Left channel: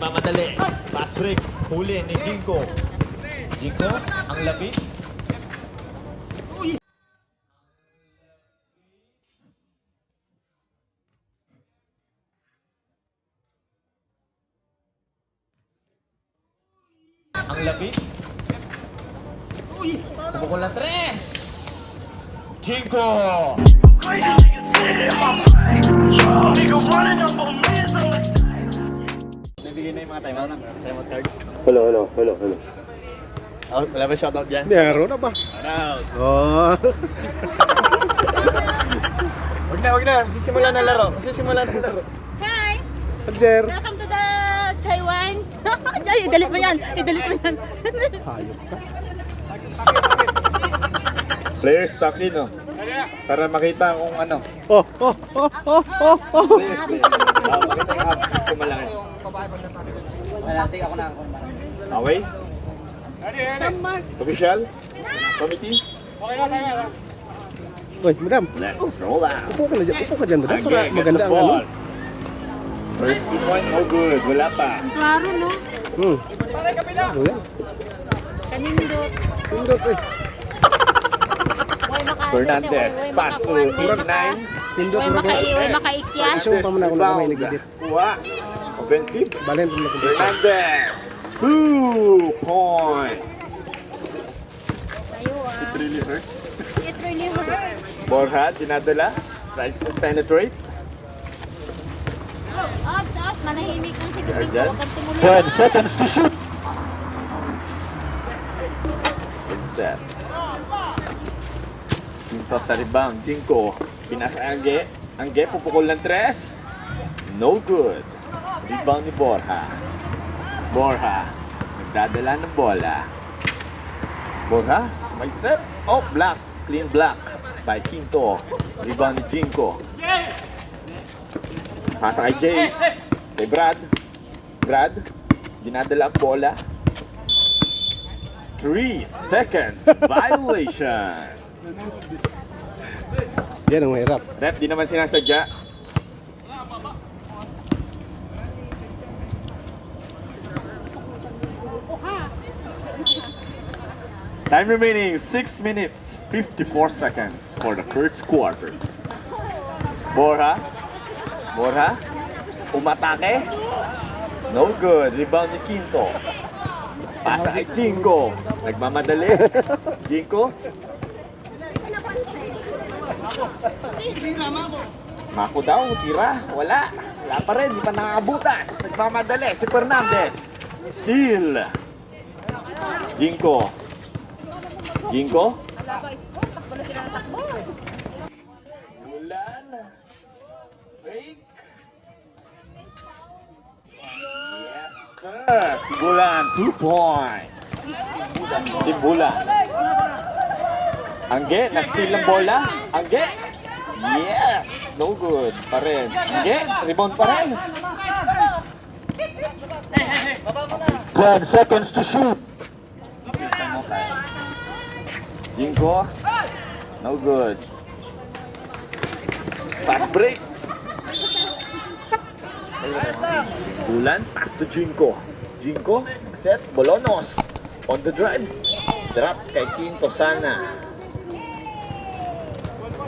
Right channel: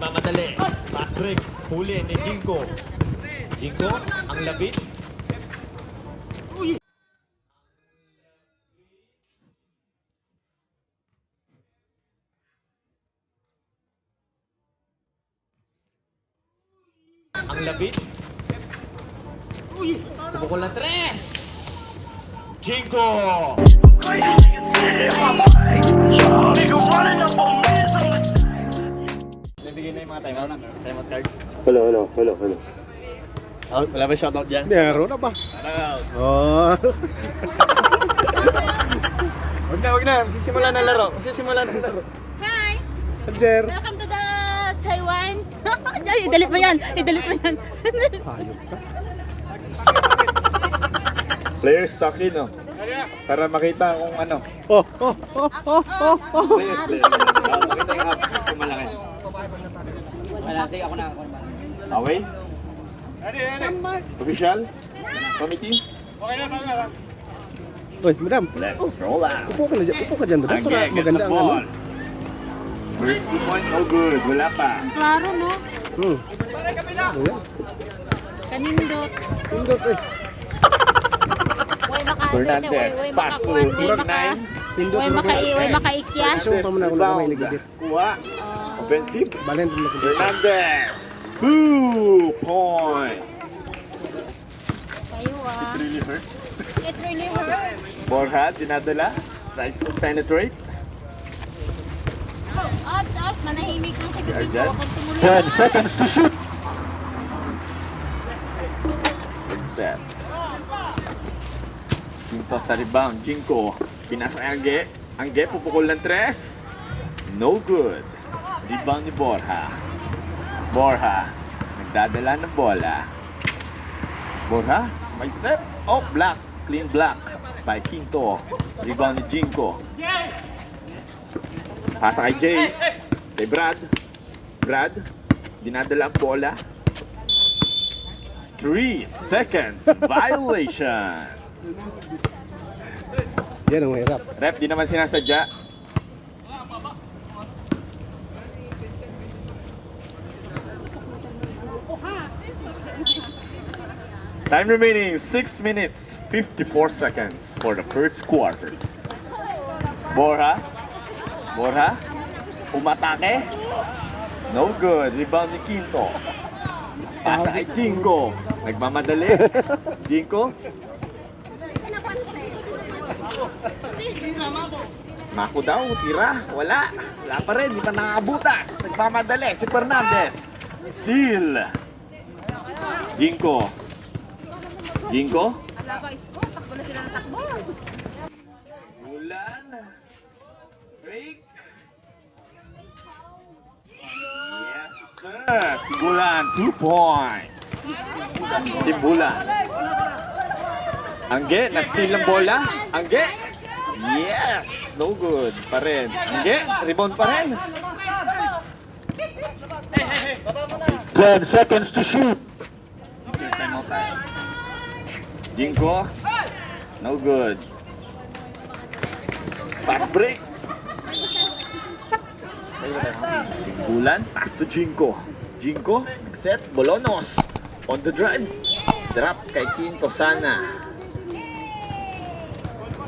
Mamadali. Fast break. Huli ni Jinko. Jinko, ang labit. Ang labit. Pupukol na tres. Jinko. Crazy nigga sitting in my brain. Nigga running up on me is on the side. Nabigay na yung mga timeout card. Hello. Oh, wala ba shoutout dyan? Meron na ba? Shoutout. Oh. Wag na. Magsisimula na laro. Hi! Jer. Welcome to the Taiwan. Ay, dalit mo yan. Hayop ka. Players stock in, no? Para makita kung ano. Oh. Players. Makita yung hubs kung malaki. Away? Official? Committee? Uy, madam. Let's roll out. Upo ka dyan, madam. Para maganda ang ano. First 2 point, no good. Wala pa. Klaro, no? Ano yan? Kanindot. Pindot eh. Fernandez, pass to 9. Pindot Way mo makaikyas. Gusto mo pa muna ako na kamay nagidit. Kuha. Offensive. Balen mo na kung dito. Fernandez, 2 points. Tayo It really hurts. It really hurts. Borja, dinadala. Tries to penetrate. Up. Manahimik lang si Arjel. 10 seconds to shoot. Good set. Quinto sa rebound. Jinko. Pinasa kay Angge. Angge, pupukol ng 3. No good. Rebound ni Borja. Borja. Nagdadala ng bola. Borja. Smile step. Oh, block. Clean block by Quinto. Rebound ni Jinko. Pasa kay Jay. Kay Brad. Brad. Dinadala ang bola. 3 seconds. Violation. Yan ang mahirap. Ref, di naman sinasadya. Time remaining 6 minutes 54 seconds for the first quarter. Borja. Umatake. No good. Rebound ni Quinto. Pasa kay Jinko. Nagmamadali. Jinko. Mako daw, tira. Wala pa rin, di pa nakakabutas. Nagmamadali si Fernandez. Steal. Jinko. Bulan. Break. Yes, sir. Si Bulan, 2 points. Si Bulan. Angge, na-steal ang bola. Angge. Yes! No good pa rin. Angge, rebound pa rin. 10 seconds to shoot. Jinko. No good. Fast break. Bulan, pass to Jinko. Jinko, set, Bolonos. On the drive. Drop kay Quinto Sana.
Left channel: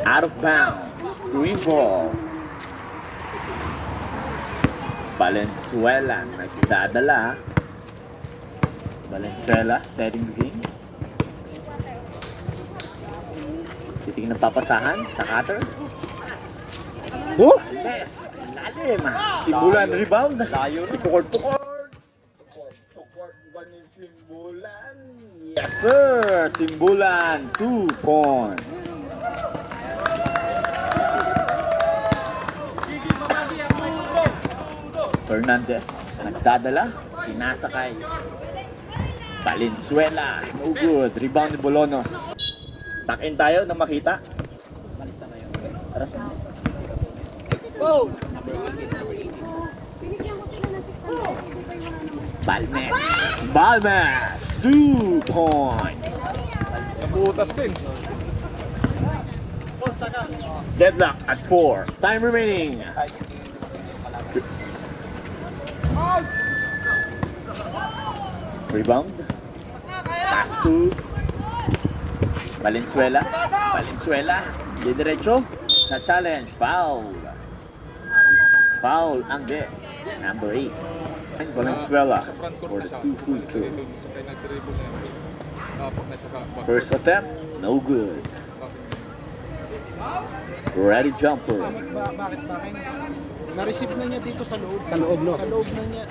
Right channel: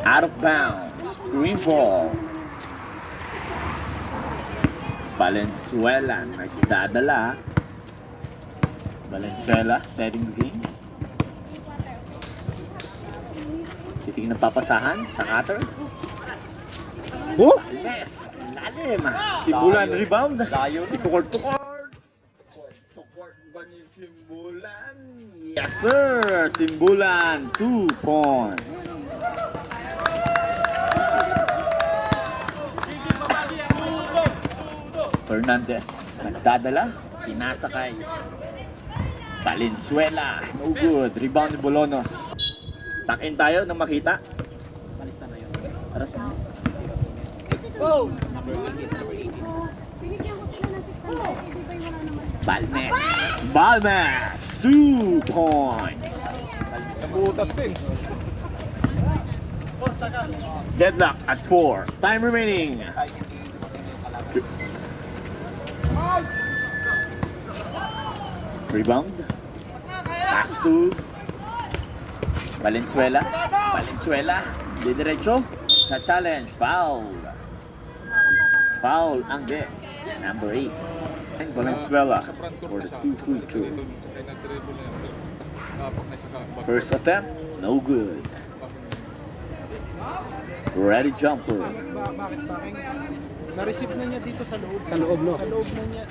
Out of bounds. Green ball. Valenzuela. Nagdadala. Valenzuela setting the game. Titingin ng papasahan sa cutter. Oh! Yes! Lalim! Simbulan rebound. Tukord. Tukord ba ni Simbulan? Yes sir! Simbulan 2 points. Fernandez nagdadala. Pinasa kay Valenzuela. No good. Rebound ni Bolonos. Takin tayo na makita. Balmes 2 points. Nabutas din. Deadlock at 4. Time remaining. Rebound. Pass to Valenzuela. Valenzuela. Didiretso. Na challenge. Foul. Foul. Angge. Number 8. And Valenzuela Sa front court for na the siya. 2-2-2. Tsaka nag-dribble na yan. Pag nasa back. First attempt. No good. Bakit? Ready jumper. Bakit? Na-receive na niya dito sa loob. Sa loob, no? Sa loob na niya.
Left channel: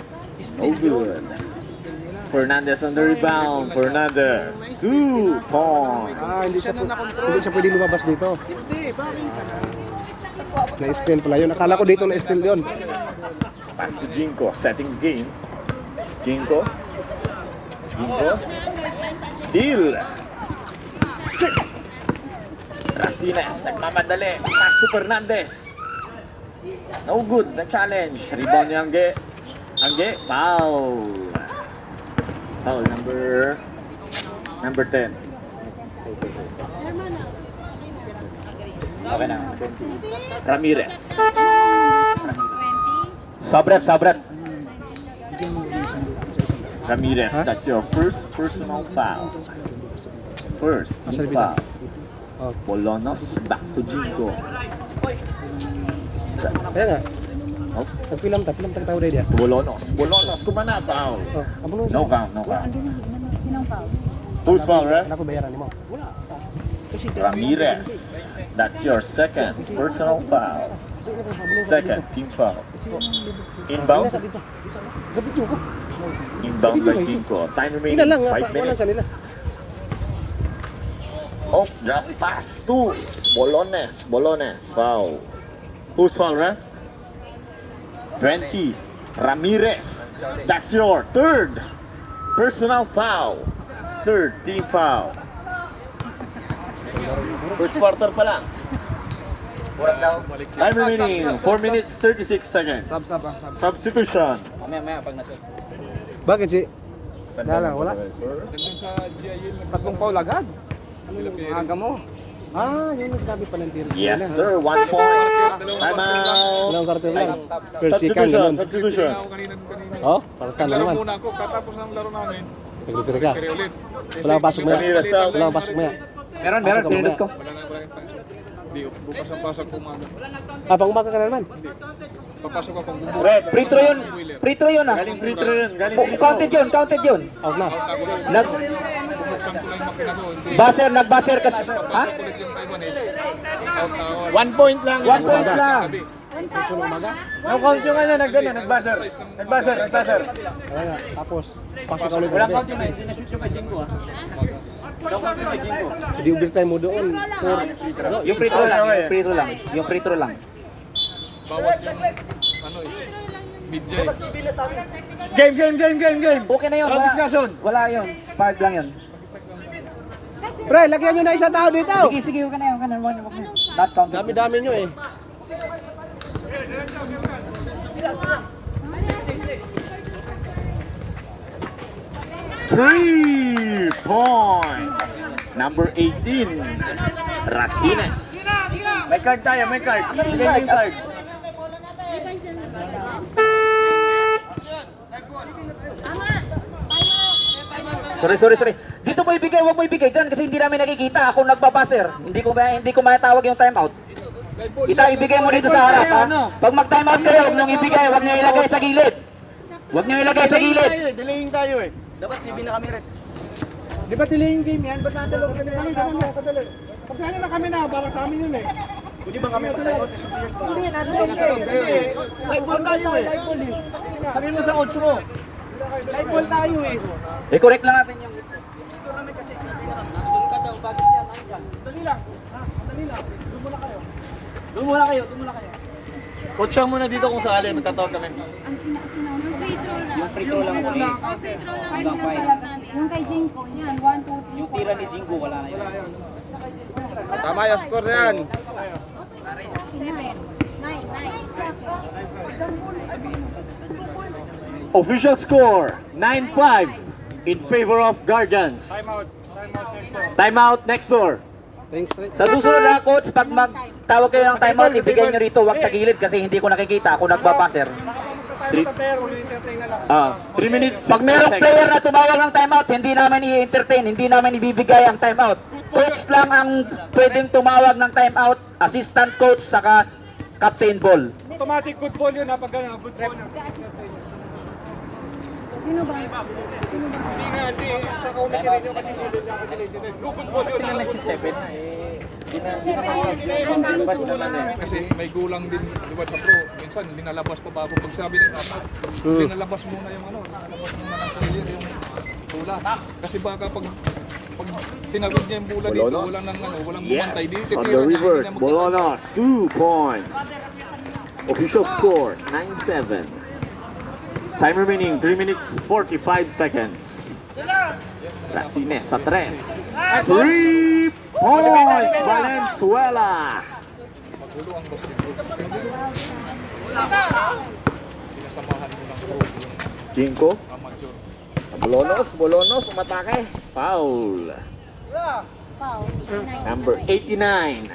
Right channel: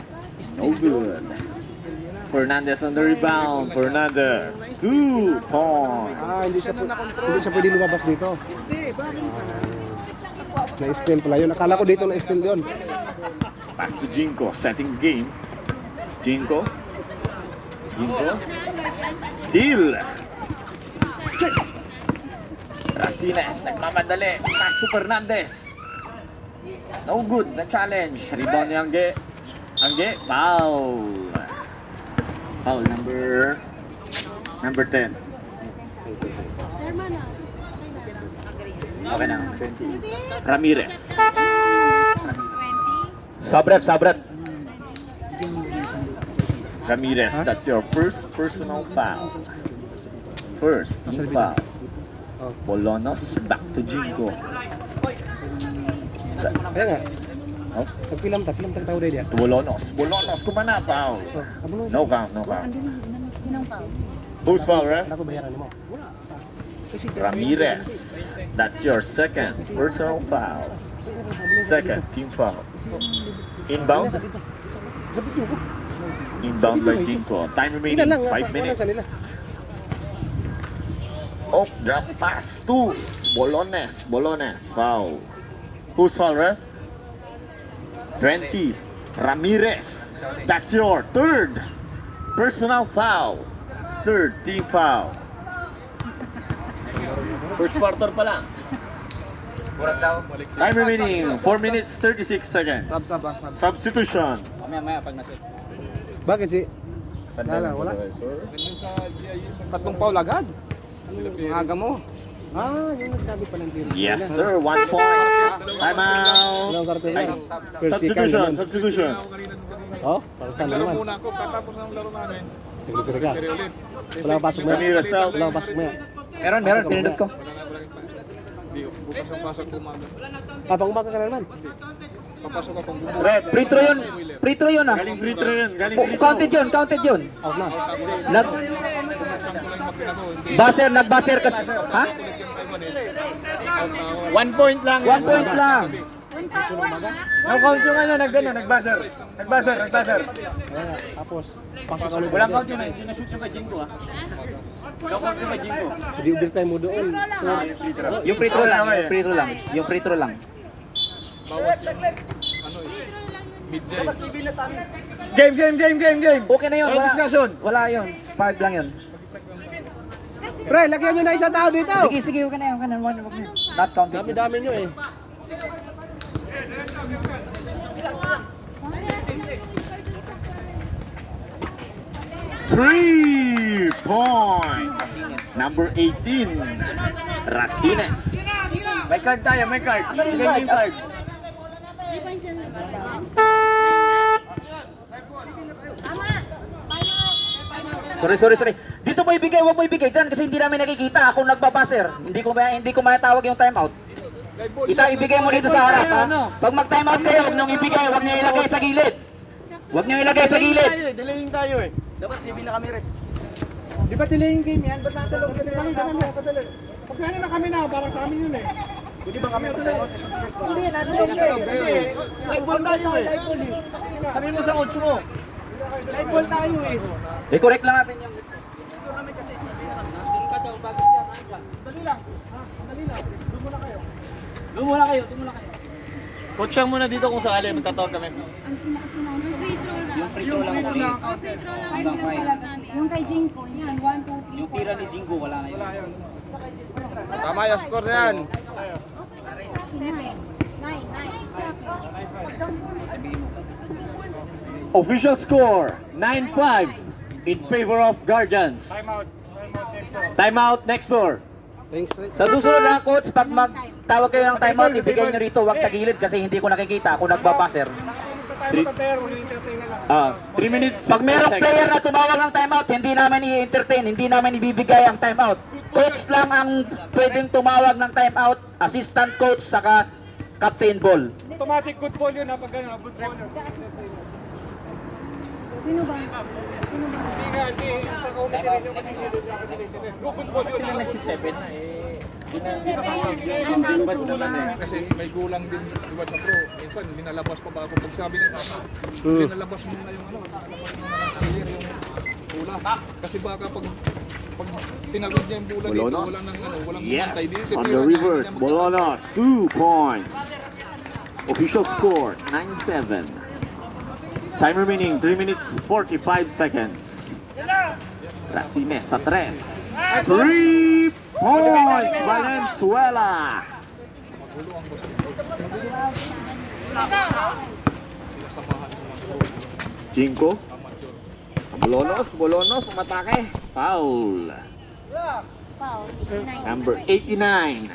No good. Fernandez on the rebound. Fernandez. 2 point. Hindi siya pwede lumabas dito. Hindi, bakit? Na-steal pala yun. Akala ko dito na-steal yun. Pass to Jinko. Setting game. Jinko. Jinko. Steal. Racines. Nagmamadali. Pass to Fernandez. No good. The challenge. Rebound ni Angge. Angge. Foul. No, number 10. Okay na. Ramirez. Sabret. Ramirez, that's your first personal foul. First team foul. Bolonos, back to Jinko. Kaya nga. Oh, Nagpilam tao dahil yan. Bolonos, kumana foul. Abo No count. Who's foul, right? Ako bayaran mo. Ramirez, that's your second personal foul. Second team foul. Inbound. Inbound by Jinko. Time remaining 5 walang sa nila. minutes. Oh, yeah, pass to Bolones, foul. Who's foul, right? 20. Ramirez, that's your third personal foul. Third team foul. First quarter pa lang. Time remaining 4 minutes 36 seconds. Substitution. Bakit si? Wala. Tatlong foul agad. Aga mo. Yun yung sabi pa ng diri. Yes, sir. 1 point. Time out. Walang karton yan. Substitution. Oh, karton na naman. Muna ako, katapos ng laro namin. Naglipir ka. Pero ulit. Wala pasok mo yan. Ramirez out. Wala pasok mo yan. Meron, pinindot ko. Di, bukas ang pasok ko man. Pang umaga ka na naman. Papasok akong Rep. Free throw yun ah. Galing free throw yun. Counted yun. Out na. Nag-buzzer kasi. Ha? 1 point lang. 1 point lang. No count yung nagbuzzer. Wala nga. Tapos, pasok ulit. Walang count yun eh. Hindi na-shoot yung kay Jinko ah. No count yung kay Jinko. Hindi overtime mo doon. Yung free throw lang. bawas yung mid-jay. Game. Okay na yun. Walang discussion. Wala yun. Part lang yun. Pre, lagyan nyo na isang tao dito. Sige, okay na yun. Not counted. Dami-dami nyo eh. Three points. Number 18. Racines. May card tayo, may card. Bigay yung card. Sorry. Dito mo ibigay, huwag mo ibigay dyan kasi hindi namin nakikita. Ako nagbabaser. Hindi ko matawag yung timeout. Ibigay mo dito sa harap ha. Pag mag-timeout kayo, huwag nyo ibigay, huwag nyo ilagay sa gilid. Delaying tayo eh. Di ba delay yung game yan? Ba't natin lang kadali? Pagkano na kami na, para sa amin yun eh. Hindi ba kami ito na? May ball tayo eh. Sabi mo sa coach mo. May ball tayo eh. Correct lang natin yung Doon muna kayo. Coach lang muna dito kung sakali. Magtatawag kami. Yung free throw lang. Oh, free throw lang. Yung kay Jinko, yan. 1, 2, 3, Yung tira ni Jingo, wala na yun. Tama yung score na yan. 9. Official score, 9-5 in favor of Guardians. Timeout next door. Thanks. Sa susunod na coach, pag magtawag kayo ng timeout, ibigay nyo rito, wag sa gilid kasi hindi ko nakikita ako nagbabaser. Pero entertain na lang. 3 minutes. Pag merong 60 player seconds. na tumawag ng timeout, hindi namin i-entertain, hindi namin ibibigay ang timeout. Coach lang ang pwedeng tumawag ng timeout, assistant coach, saka captain ball. Automatic good ball yun ha, pag gano'n, good ball yun. Sino ba? Hindi nga, hindi. Sa committee rin yung kasi good ball yun. Sila nagsi-7 na Kasi may gulang din, di ba sa pro, minsan linalabas pa bago pag sabi nila, linalabas muna yung ano, linalabas muna ng player yung bulan. Kasi baka pag tinagod niya yung bulan dito, Bolonos. walang ng ano, walang Yes, bumantay dito. on the reverse, Bolonos, 2 points. Official score, 9-7. Time remaining, 3 minutes, 45 seconds. Racines sa 3. 3 points, Valenzuela. Magulo ang basketball. Sila samahan ko lang po. Jinko. Bolonos, umatake. Foul. Number 89.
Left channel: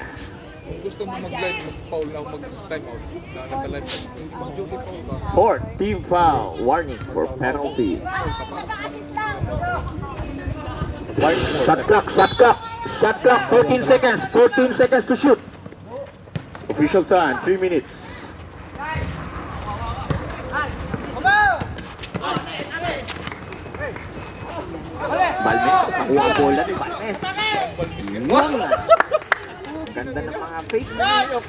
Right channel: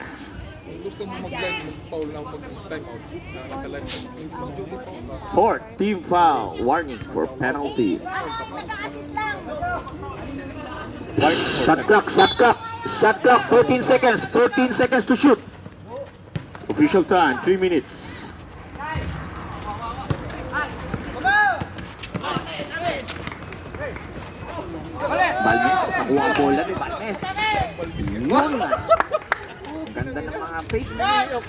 Gusto mo mag-live, mag-foul na mag-time out. Lalagalan niya. Fourth team foul. Warning for penalty. Shot clock, 14 seconds to shoot. Official time, 3 minutes. Balmes, nakuha ang bola ni Balmes. Ganda ng mga fake na yun.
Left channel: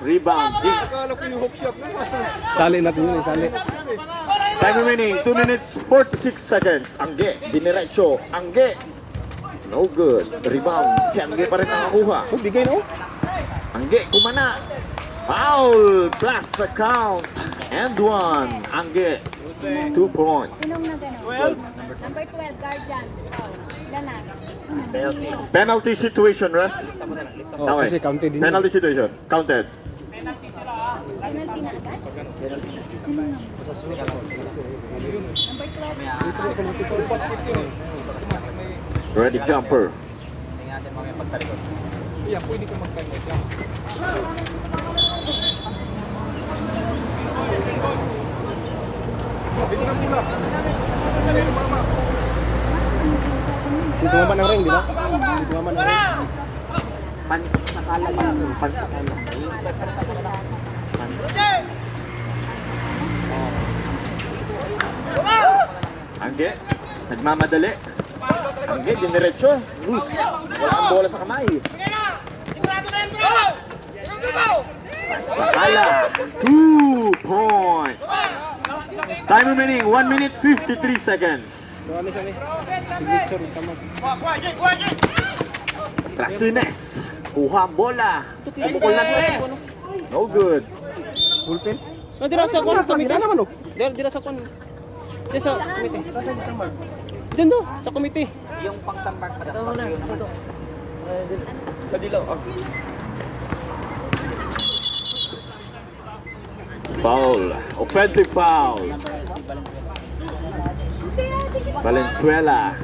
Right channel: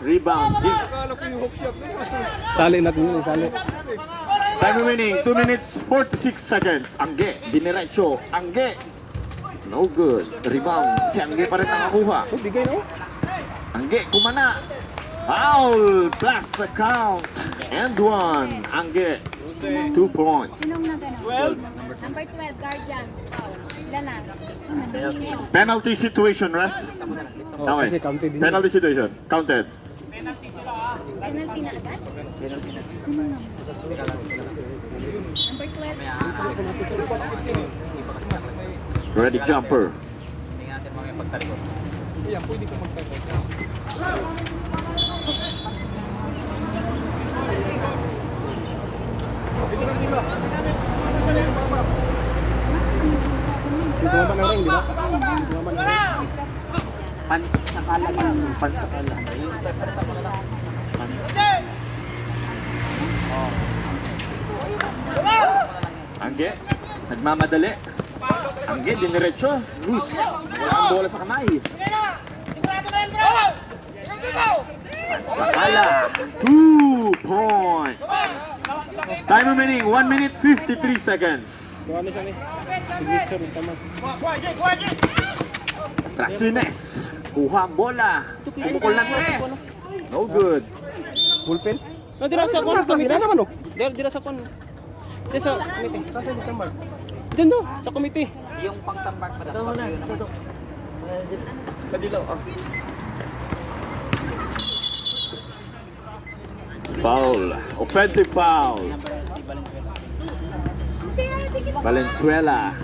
Rebound. Akala ko yung hook shot na. Sali natin yun, sali. Time remaining, 2 minutes, 46 seconds. Angge, diniretso. Angge. No good. Rebound. Si Angge pa rin nakakuha. Bigay mo. Angge, kumana. Foul. Plus the count. And 1. Angge. 2 points. Sino mo gano'n? Number 12, guardian. Lanar. Penalty situation, right? Tama eh. counted din. Penalty situation. Counted. Penalty na agad? Sino nga? Number 12. Ready jumper. Kaya pwede ka mag-time out. Dito naman ang ring, di ba? Angge, nagmamadali. Angge, diniretso. Loose. Wala ang bola sa kamay. Sakala, 2 points. Time remaining, 1 minute 53 seconds. So ano sa ni? Signature, tama. Racines, kuha ang bola. Pumukol ng tres. No good. Bullpen? No, dira sa kon, komite naman oh. Dira sa kon. Dira sa komite. Diyan do, sa komite. Yung pang-tambak pa daw. Sa dilaw. Foul. Offensive foul. Valenzuela.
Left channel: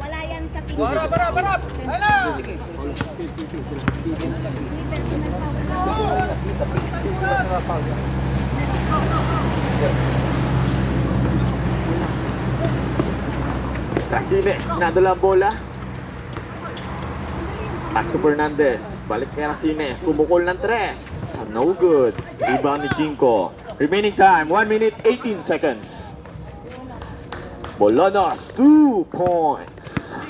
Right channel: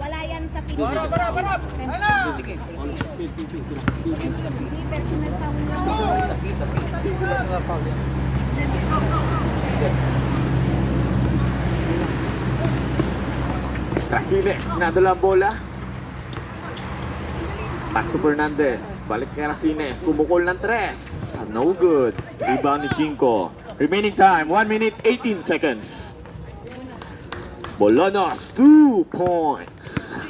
Wala yan sa pinili. Racines, nadala ang bola. Pass to Fernandez. Balik kay Racines. Kumukol ng tres. No good. Rebound ni Jinko. Remaining time, 1 minute 18 seconds. Bolonos, 2 points.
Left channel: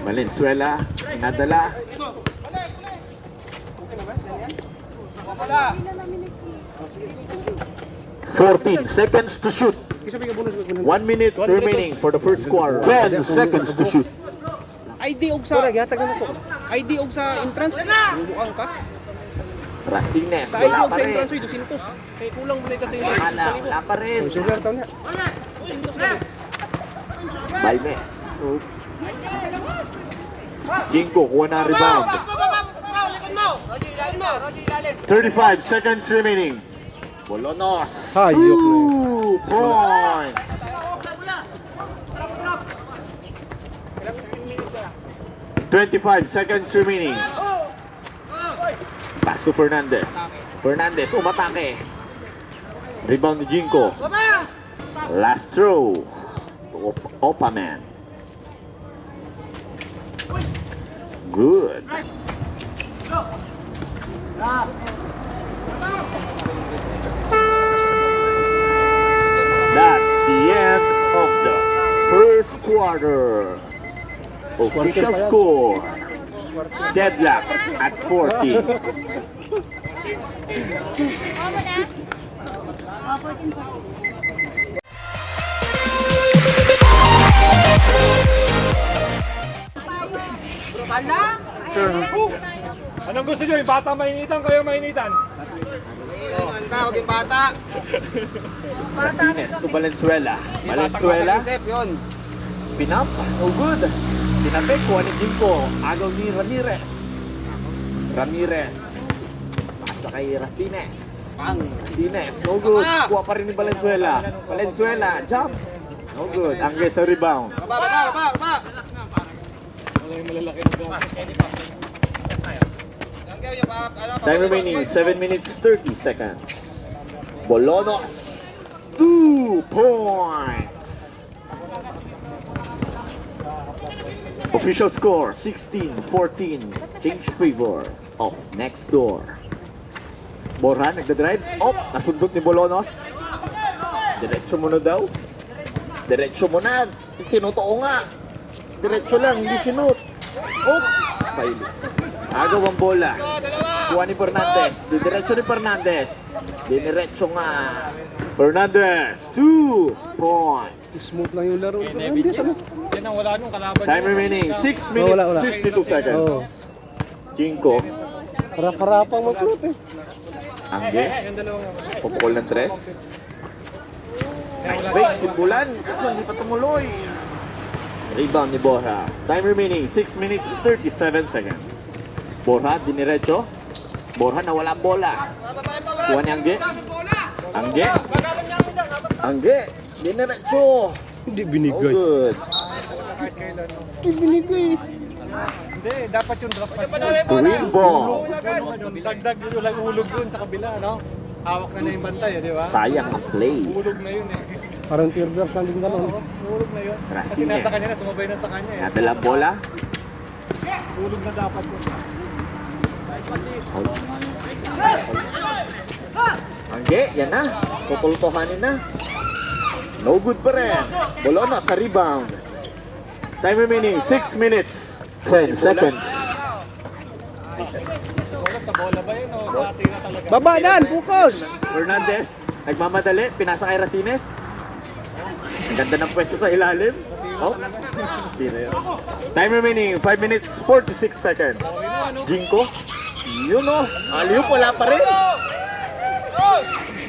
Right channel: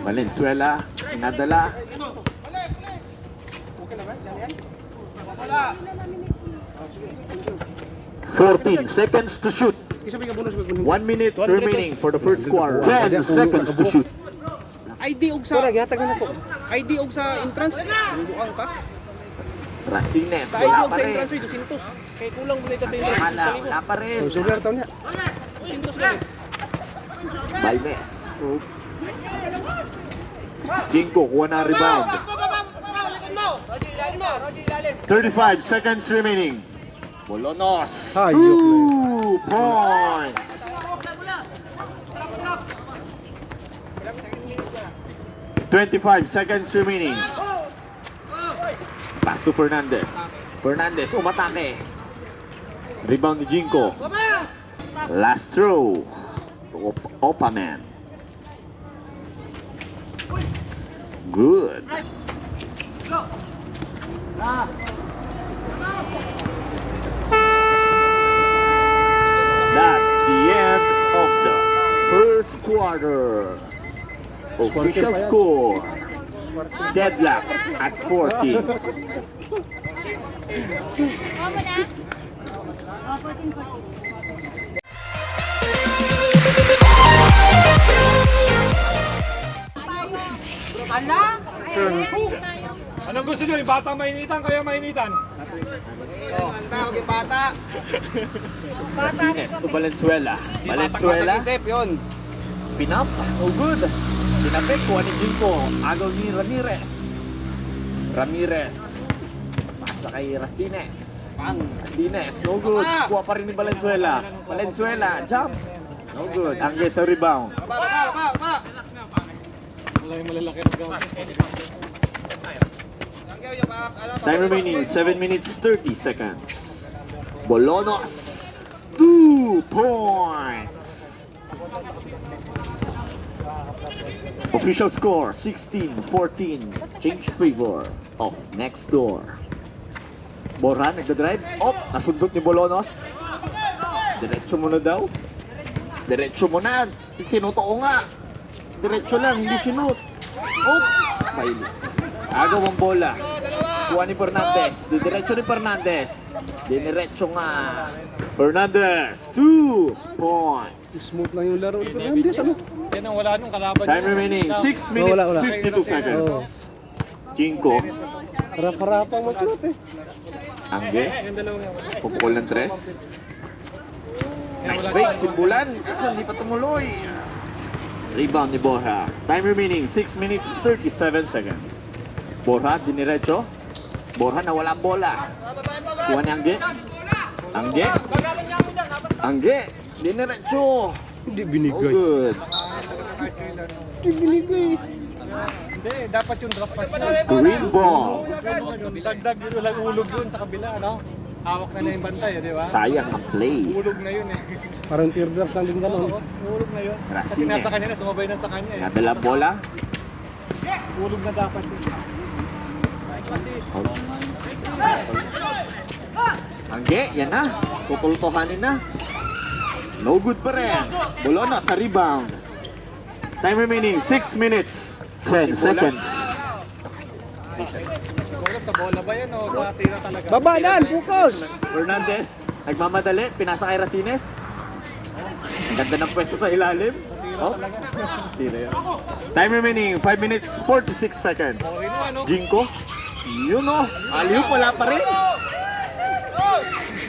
Valenzuela, inadala. "14 seconds to shoot. 1 minute remaining for the first quarter. 10 seconds to shoot. ID og sa ID og sa entrance. Bubuang ka. Racines, Sa ID wala og pa sa rin. entrance 200. Kay kulang mo kasi entrance. Wala pa rin. Sugar ka na. Balmes. Jinko, kuha na rebound. 35 seconds remaining. Bolonos, 2 points. "25 seconds remaining. Pass to Fernandez. Fernandez, umatake. Rebound ni Jinko. Last throw. Opaman. Good. That's the end of the first quarter. Official score. Deadlock at 40. Oh, wala. Oh, 14. Anong gusto nyo? Yung bata mainitan, kayo mainitan? Martinez to Valenzuela. Valenzuela. Pinap. Oh, good. Pinapek. Kuha ni Jinko. Agaw ni Ramirez. Ramirez. Basta kay Racines. Racines. No good. Kuha pa rin ni Valenzuela. Valenzuela. Jump. No good. Angge sa rebound. Time remaining 7 minutes 30 seconds. Bolonos 2 points. Official score 16-14. Change favor of next door. Borja nagdadrive. Nasundot ni Bolonos. Diretso mo na daw. Diretso mo na. Tinotoo nga. Diretso lang, hindi sinut. Kaili. Agaw ang bola. Kuha ni Fernandez. Didiretso ni Fernandez. Diniretso nga. Fernandez, 2 points. Smooth lang yung laro. Hindi, ano? Yan ang wala nung kalaban. Time remaining 6 minutes wala. 52 seconds. Oo. Jinko, Harap-harapang mag-loot eh. Angge, pupukol ng 3. Nice fake, simbulan. Kasi hindi pa tumuloy. Rebound ni Borja. Time remaining 6 minutes 37 seconds. Borja, diniretso. Borja nawala ang bola. Kuha ni Angge. Angge. Angge, diniretso. Hindi Oh, binigay. good. Hindi binigay. Hindi, dapat yung drop pass. Green ball. Dagdag yun, lang ulog yun sa kabila, no? Hawak na yung bantay, di ba? Sayang ang play. Ulog na yun eh. Parang teardrops lang din gano'n. Ulog na yun. Kasi Racines. nasa kanya na, sumabay na sa kanya eh. Nadala bola. Ulog na dapat yun. Angge, yan na. Tutultuhanin na. No good pa rin. Bolona sa rebound. Time remaining 6 minutes 10 seconds. Ulat sa bola ba yan o sa tira talaga? Baba dan, focus! Fernandez, nagmamadali, pinasa kay Racines. Ang ganda ng pwesto sa ilalim. Oh, tira yan. Time remaining 5 minutes 46 seconds. Jinko, yun o, aliw wala pa rin.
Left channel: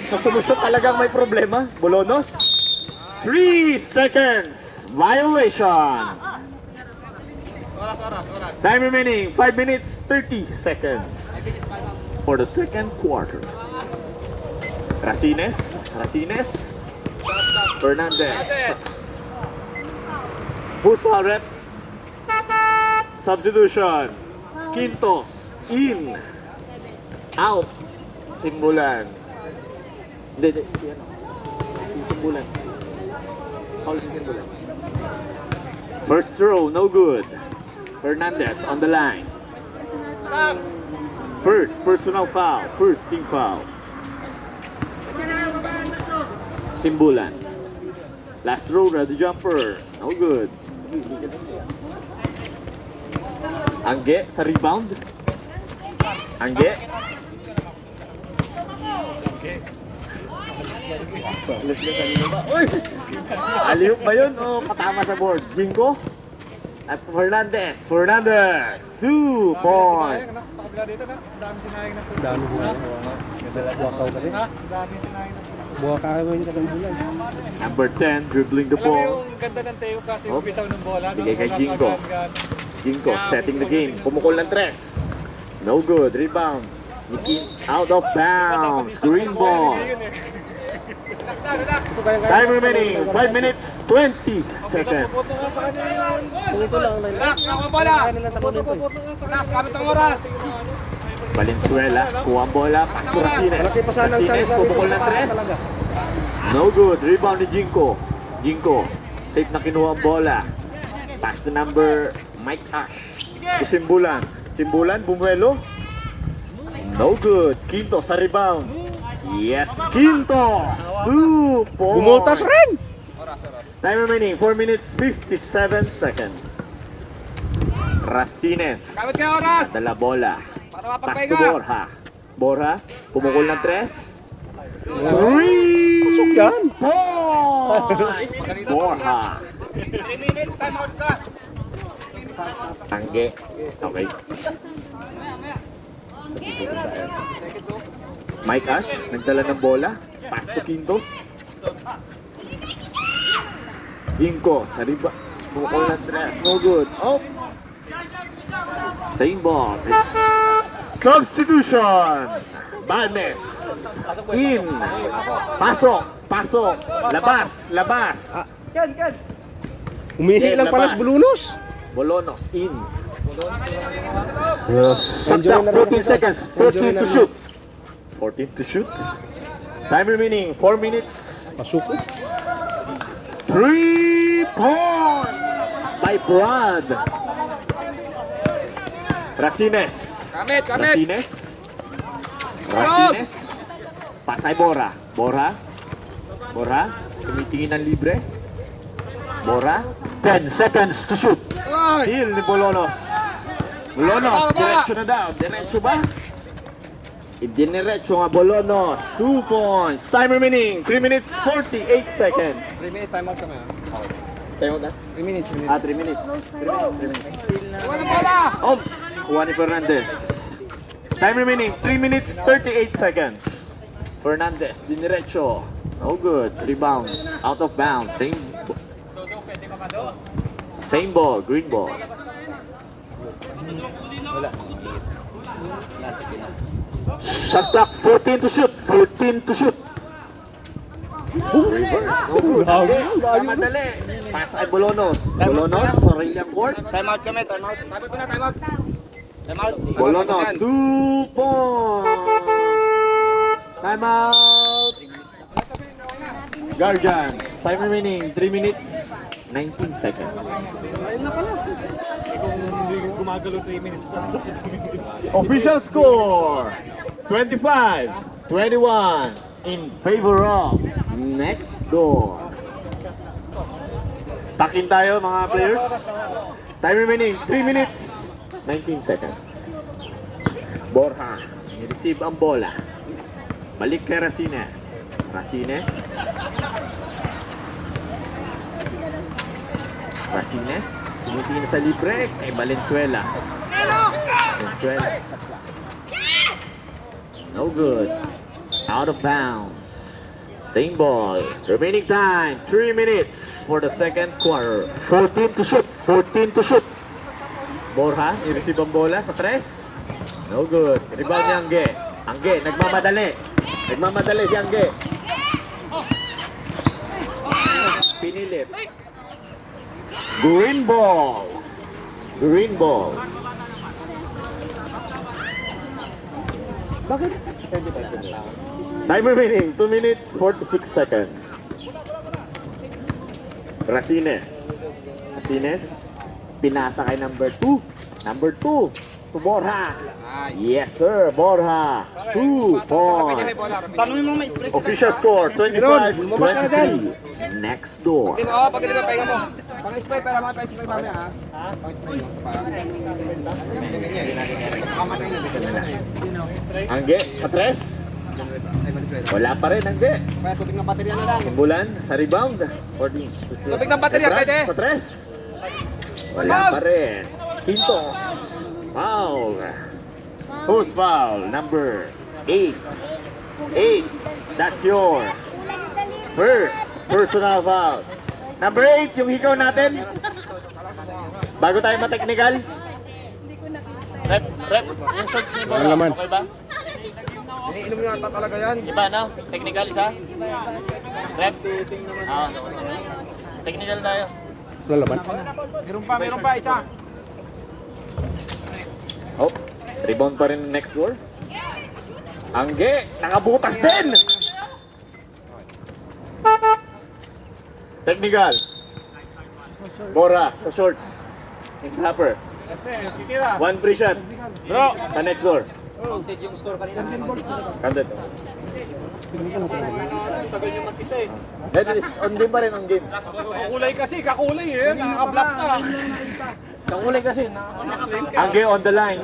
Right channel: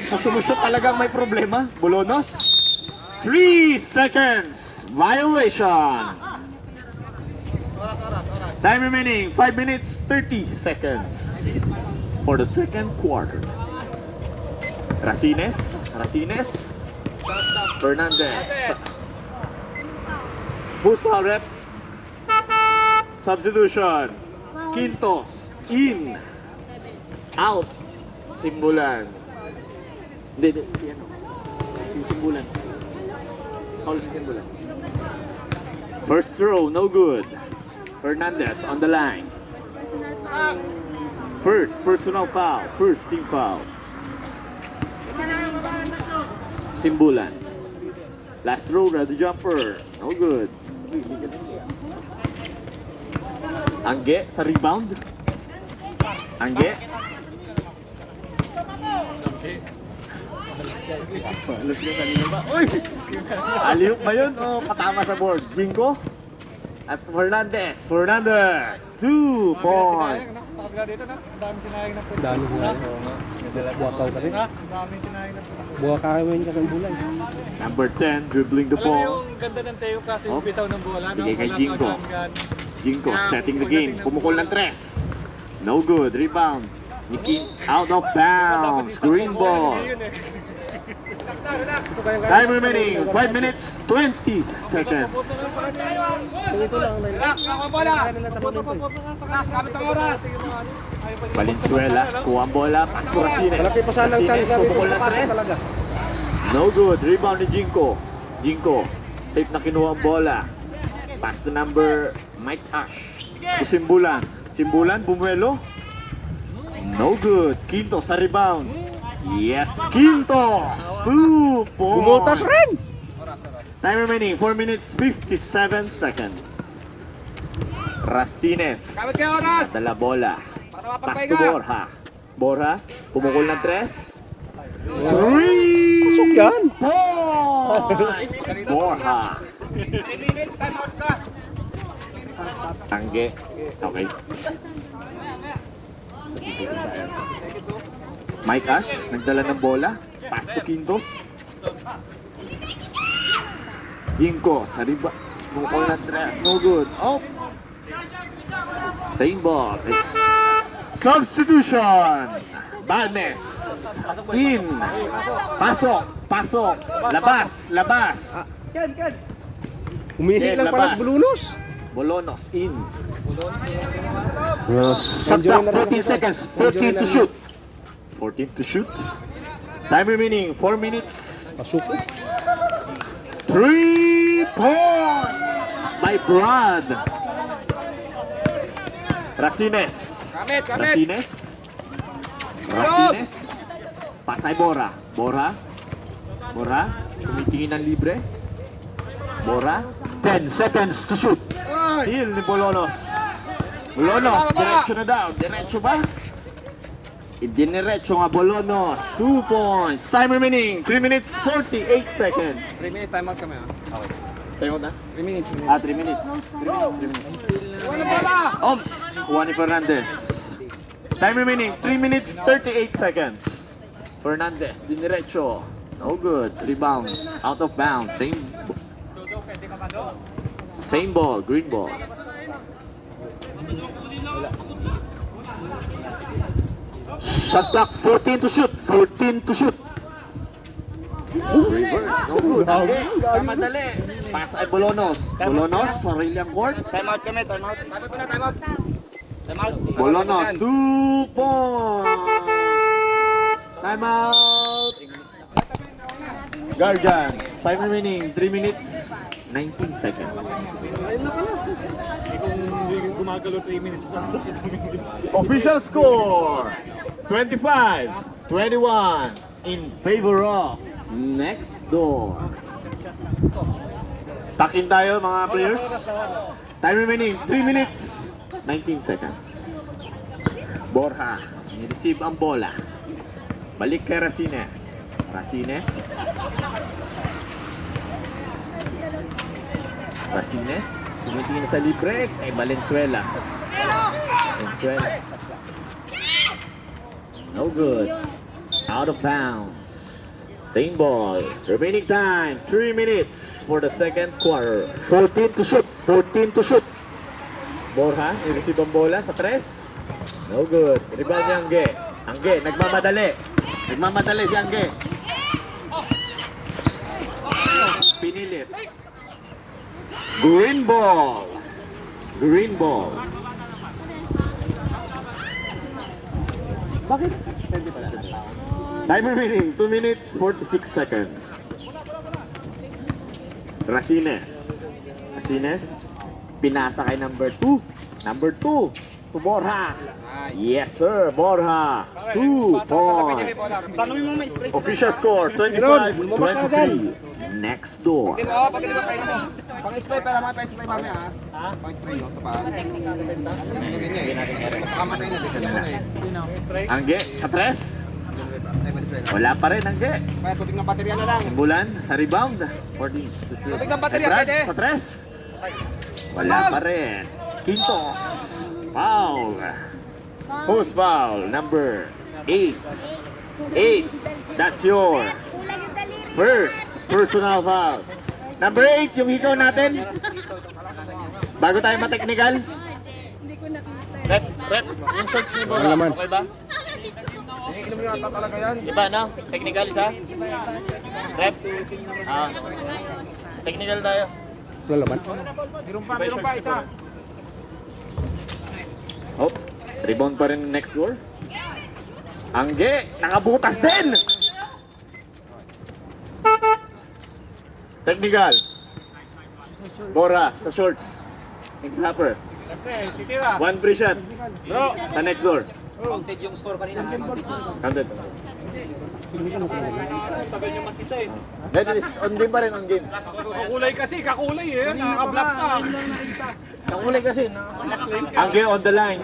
Sa solusyon talagang may problema. Bolonos, 3 seconds. Violation. Time remaining 5 minutes 30 seconds for the second quarter. Racines, Fernandez. Who's foul rep? Substitution. Quintos, in. Out. Simbulan. Hindi. Simbulan. Foul si Simbulan. First throw, no good. Fernandez on the line. First personal foul. First team foul. Simbulan. Last throw, ready jumper. No good. Angge sa rebound. Angge. Uy! Aliyok ba yun? Oh, katama sa board. Jinko. At Fernandez. 2 points. Sa kabila dito na, dami sinayang na. Dami sila. Buwakaw ka rin. Ha? Dami sinayang na. Buwakawin ka ng bulan. Number 10, dribbling the Alam mo ball. yung ganda ng Teo kasi yung bitaw ng bola. no? Bigay kay Wala Jinko. pag-gaan-gaan. Jinko setting the game. Pumukol ng 3. No good. Rebound. Nikki out of bounds. Green ball. Time remaining 5 minutes 20 seconds. Kung ito lang, kaya na lang tapo nito eh. Valenzuela, kuha ang bola, pass to Racines. Malaki pa sana ang Racines, chance na pumukol ng dito. 3. No good. Rebound ni Jinko. Jinko. Safe na kinuha ang bola. Pass to number Mike Ash. To Simbulan. Simbulan, Bumuelo. No good. Quinto sa rebound. Yes, Quinto. 2 points. Gumutas rin! Time remaining, 4 minutes, 57 seconds. Racines. Dala bola. Pass to Borja. Borja, pumukol ng 3. 3 Pasok yan! points! Borja. Tangge. Okay. Mike Ash, nagdala ng bola. Pass to Quintos. Jinko, sa riba. Pumukol ng 3. No good. Oh! Same ball. Substitution. Badness. In. Pasok. Pasok. Labas. Labas. Umihi lang pala sa Bulunos. Bolonos. In. Yes. Shot clock, 14 seconds. 14 to shoot. 14 to shoot. Time remaining. 4 minutes. Pasok ko. 3 points by Brad. Racines. Racines. Racines. Pasay Bora. Bora. Bora. Tumitingin ng libre. Bora. 10 seconds to shoot. Steal ni Bolonos. Bolonos. Diretso na daw. Diretso ba? Idiniretso nga Bolonos. 2 points. Time remaining. 3 minutes 48 seconds. 3 minutes time out kami ha. Tayo na? 3 minutes. 3 minutes. 3 minutes. 3 minutes. Ops! Kuha ni Fernandez. Time remaining, 3 minutes, 38 seconds. Fernandez, diniretso. No good. Rebound. Out of bounds. Same ball. Green ball. Shot clock, 14 to shoot. 14 to shoot. Reverse. No good. Okay. Madali. Pass ay Bolonos. Bolonos, sarili ang court. Time out kami, time out. Bolonos, 2 points. Time out. Gargans, time remaining, 3 minutes, 19 seconds. Official score, 25-21 in favor of Next Door. Takin tayo mga players. Time remaining, 3 minutes, 19 seconds. Borja, ni-receive ang bola. Balik kay Racines. Racines. Racines. Tinitingin sa libre kay Valenzuela. Valenzuela. No good. Out of bounds. Same ball. Remaining time, 3 minutes for the second quarter. 14 to shoot. 14 to shoot. Borja, i-receive ang bola sa 3. No good. Rebound ni Angge. Angge, nagmamadali. Nagmamadali si Angge. Pinilit. Green ball. Green ball. Bakit? Time remaining, 2 minutes, 46 seconds. Racines. Racines. Pinasa kay number 2. Number 2. To Borja. Yes sir, Borja. 2 points. Official score, 25-23. Next Door. Pag di ba pahinga mo? Pang-spray para mga pang-spray mamaya ha. Pang-spray mo sa parang. Hindi niya eh. Kamatay na dito na eh. Angge, sa 3. Wala pa rin, Angge. Kaya tubig ng baterya na lang. Bulan sa rebound. For this. Tubig ng baterya, Brad, pwede. Sa 3. Wala pa rin. Quintos. Foul. Who's foul? Number 8. 8. That's your first personal foul. Number 8, yung hikaw natin. Bago tayo ma-technical. Rep, yung shorts ni Bora. Okay ba? Iniinom niya ata talaga yan. Iba na, technical isa. Rep. Technical tayo. Wala laman. Meron pa isa. Oh, rebound pa rin next goal. Angge, nakabutas din. Technical. Bora sa shorts. Improper. One free shot. Sa next door. Counted yung score kanina. Counted. That is on game pa rin, on game. Kakulay eh. Nakaka-block ka. Kakulay kasi. Angge on the line.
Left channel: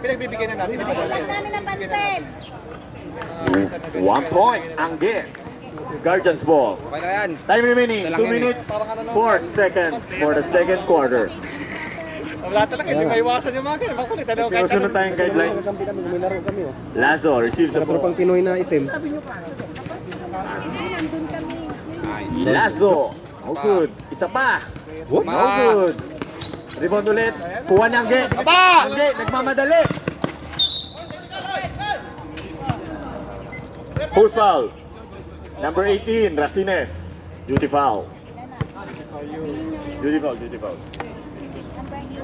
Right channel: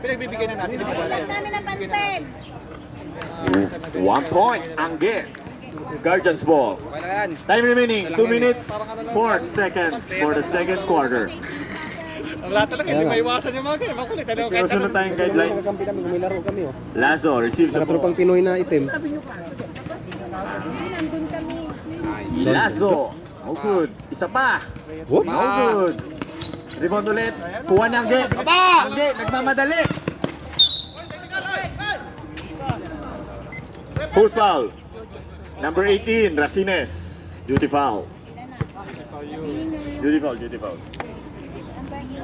Pinagbibigay na natin. Kami napansin. 1 point. Angge. Guardians ball. Time remaining 2 minutes 4 seconds for the second quarter. Ang lahat talaga, hindi maiwasan yung mga ganyan. Makulit, ano? Kahit Sinusunod tayong guidelines. Lazo, receive the ball. Pinoy na item. Lazo. No good. Isa pa. No good. Rebound ulit. Kuha ni Angge. Angge, nagmamadali. Who's foul? Number 18, Racines. Duty foul. Duty foul.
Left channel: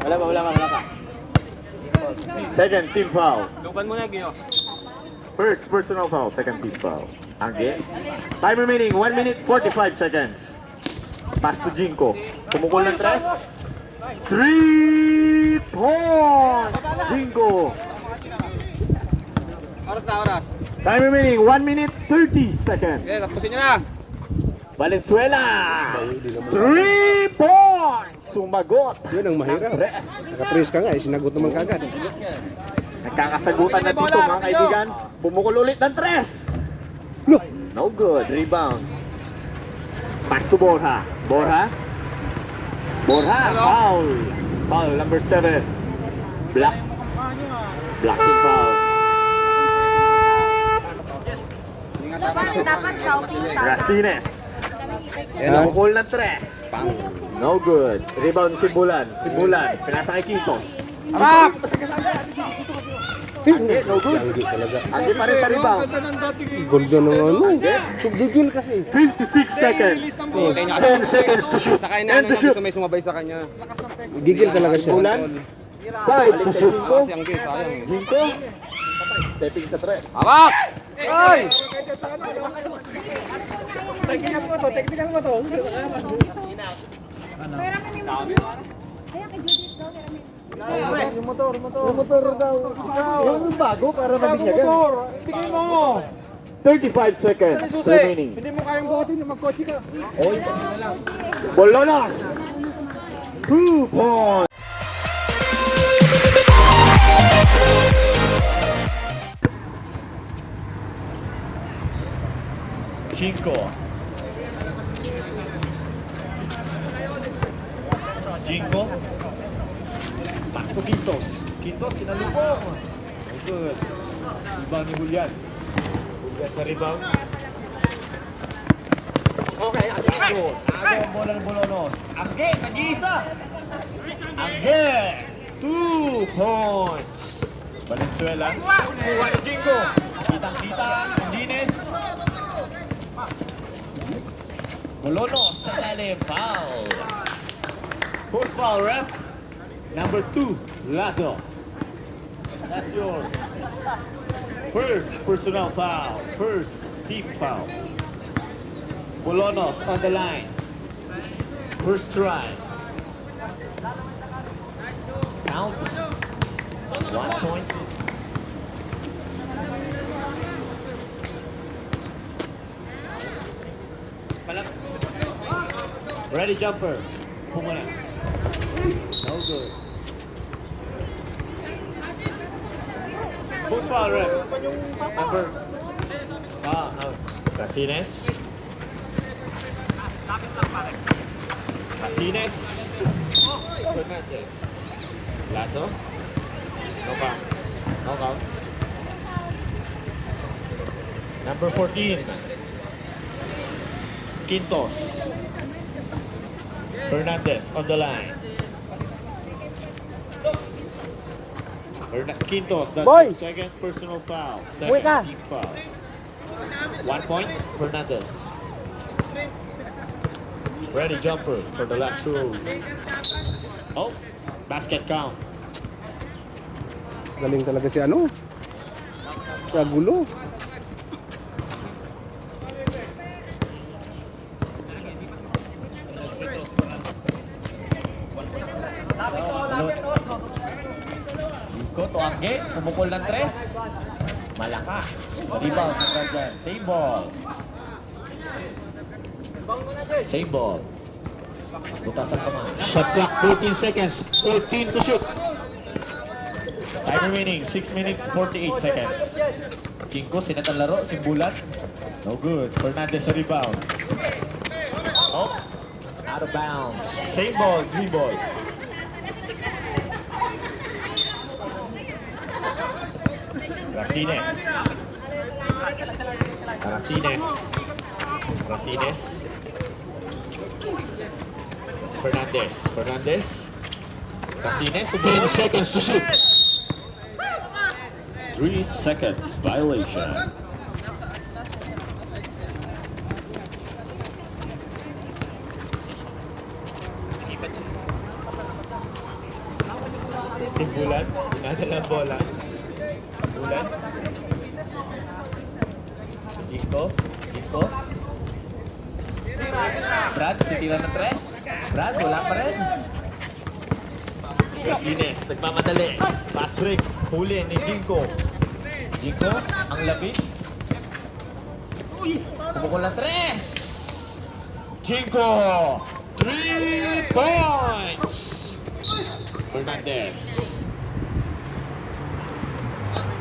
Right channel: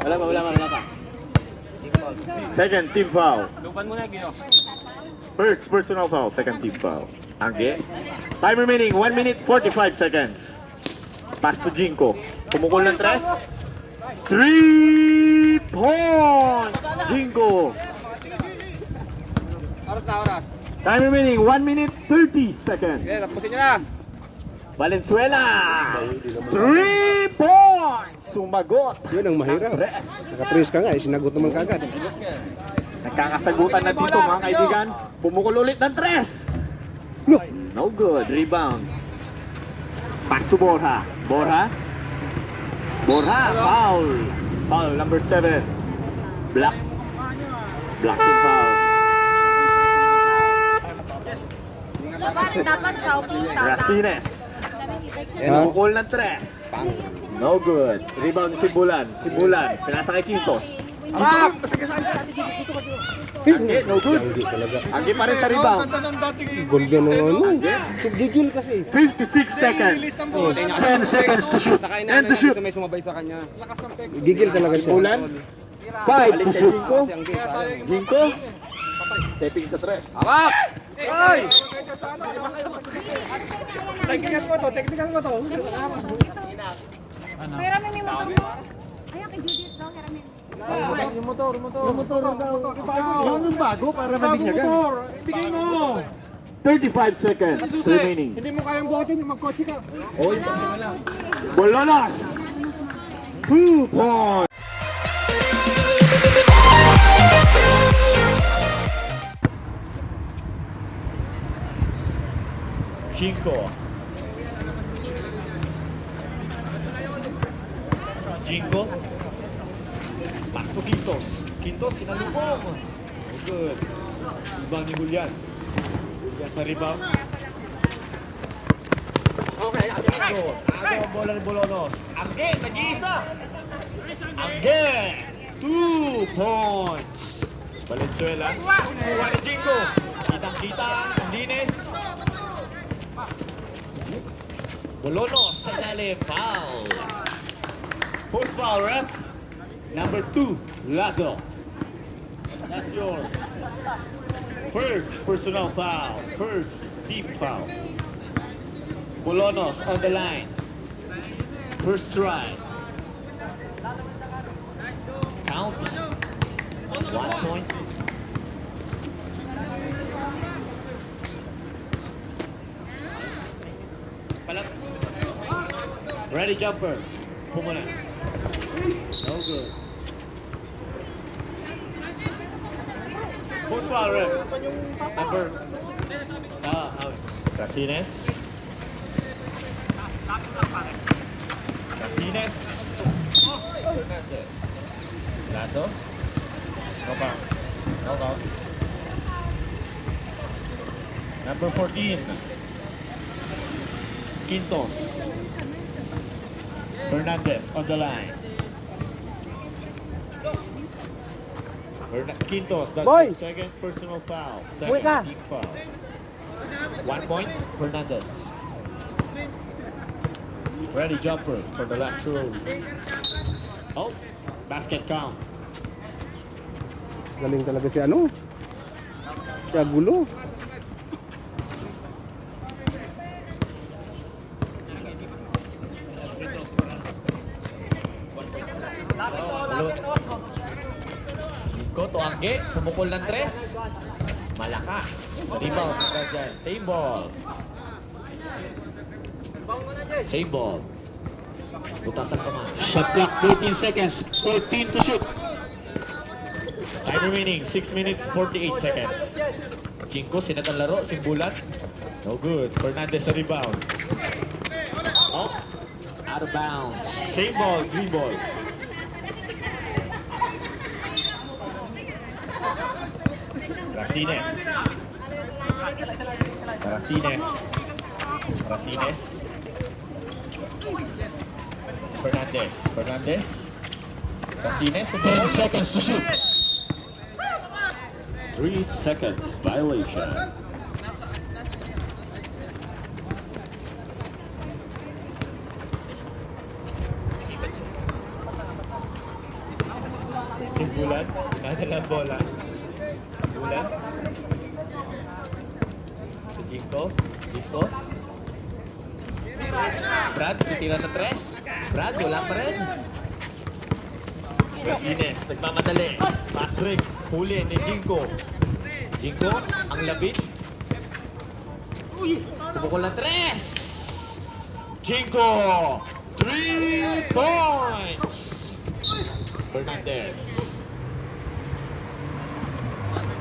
Wala pa. Second team foul. First personal foul, second team foul. Angge. Time remaining 1 minute 45 seconds. Pass to Jinko. Kumukul ng 3. 3 points! Jinko. Oras. Time remaining 1 minute 30 seconds. Tapusin nyo na. Valenzuela. 3 points! Sumagot. Yun ang mahirap. Rest. Nakapress ka nga, sinagot naman kagad. Nagkakasagutan na dito mga kaibigan. Bumukul ulit ng 3. No good. Rebound. Pass to Borja. Borja, foul. Foul number 7. Blocking foul. Dapat shopping sa Racines. Bumukul ng 3. No good. Rebound si Bulan. Pinasa kay Quintos. Angge, no good. Angge pa rin sa rebound. Ganda ng ano. Angge, Gigil kasi. 56 seconds. 10 seconds to shoot. And to shoot. May sumabay sa kanya. Gigil talaga siya. Bulan. 5 to shoot. Jinko. Stepping sa 3. Technical mo to. Pero may motor. Kaya kibibit daw. Yung motor daw. Yan yung bago para mabinyagan. 35 seconds remaining. Hindi mo kayang buhatin, mag-coach ka. Bolonos. 2 points. Jinko. Pass to Quintos. Sinalubong. Good. Rebound ni Julian. Julian sa rebound. Okay, Agaw ang bola ni Bolonos. Angge, nag-iisa. Angge, 2 points. Valenzuela. Kuha ni Jinko. Kitang-kita. Dines. Bolonos sa lalim. Foul. Who's foul, ref? Number 2, Lazo. That's your first personal foul. First team foul. Bolonos on the line. First try. Count. 1 point. Ready jumper. Pumula. No good. Who's foul, ref? Number. Out. Racines. Fernandez. Lazo. No count. Number 14. Quintos. Fernandez on the line. Quintos, that's your second personal foul. Second team foul. 1 point, Fernandez. Ready jumper for the last throw. Oh, basket count. Galing talaga si ano. Kaya gulo. Balot. Jinko, Tuangge, pumukol ng 3. Malakas. Sa rebound, dyan. Same ball. Same ball. Butas ang kamay. Shot clock, 13 seconds. 14 to shoot. Time remaining, 6 minutes, 48 seconds. Jinko, sinat ang laro, simbulan. No good. Fernandez sa rebound. Oh, out of bounds. Same ball, green ball. Racines. Racines. Racines. Fernandez. Fernandez. Racines. 10 seconds to shoot. 3 seconds violation. Simbulan, nadala ang bola. Simbulan. Jinko, Jinko. Brad, titira ng 3. Brad, wala pa rin. Racines, nagmamadali. Pass break, huli ni Jinko. Jinko, ang labit. Tumukol ng 3. Jinko, 3 points. Fernandez.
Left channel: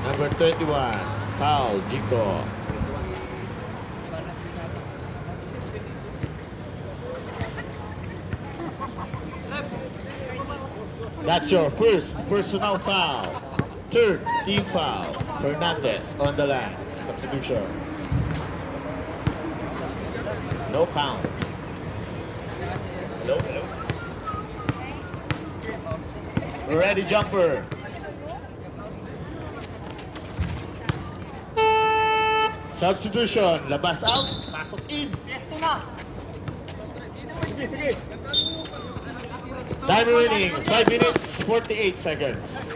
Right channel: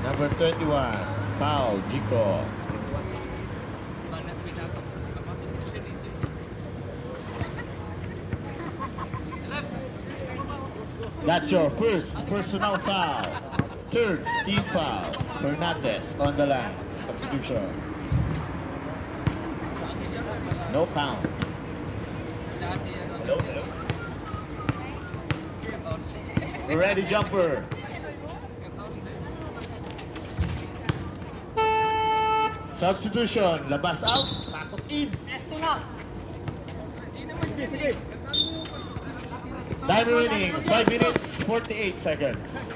Number 31, foul, Jinko. That's your first personal foul. Third team foul. Fernandez on the line. Substitution. No count. No. Ready jumper. Substitution. Labas out. Pasok in. Time remaining. 5 minutes, 48 seconds.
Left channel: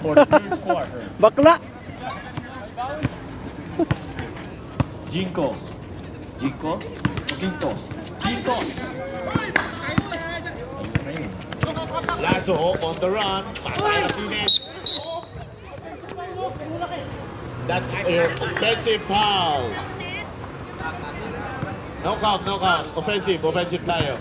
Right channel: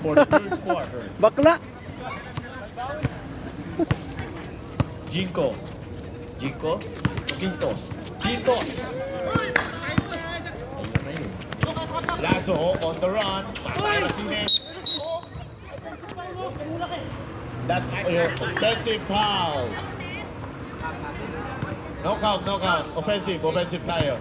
For the third quarter. Bakla! Jinko. Jinko. Quintos. Quintos. Ayun na yun. Lazo on the run. Racines. That's your offensive foul. No count, no count. Offensive tayo.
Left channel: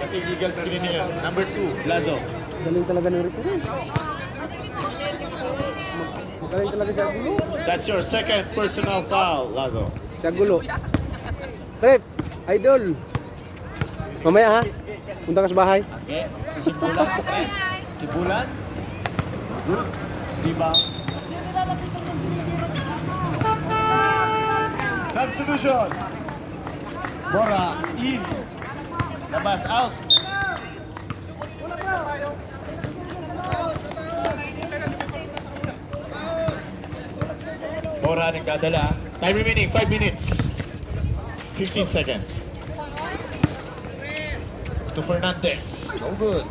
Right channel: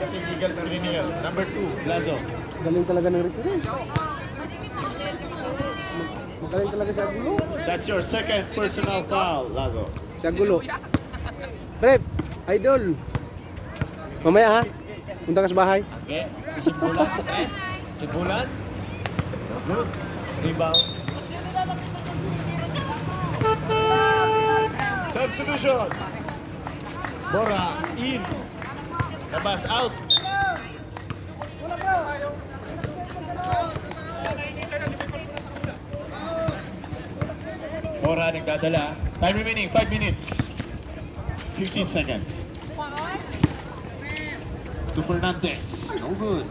Kasi legal screen yun. Number 2, Lazo. Galing talaga ng referee. Magaling talaga siya gulo. That's your second personal foul, Lazo. Siya gulo. Prep, idol. Mamaya ha. Punta ka sa bahay. Okay. Sibulan sa press. Sibulan. Good. Rebound. Substitution. Bora in. Labas out. Bora nagdadala. Time remaining 5 minutes. 15 seconds. To Fernandez. No good.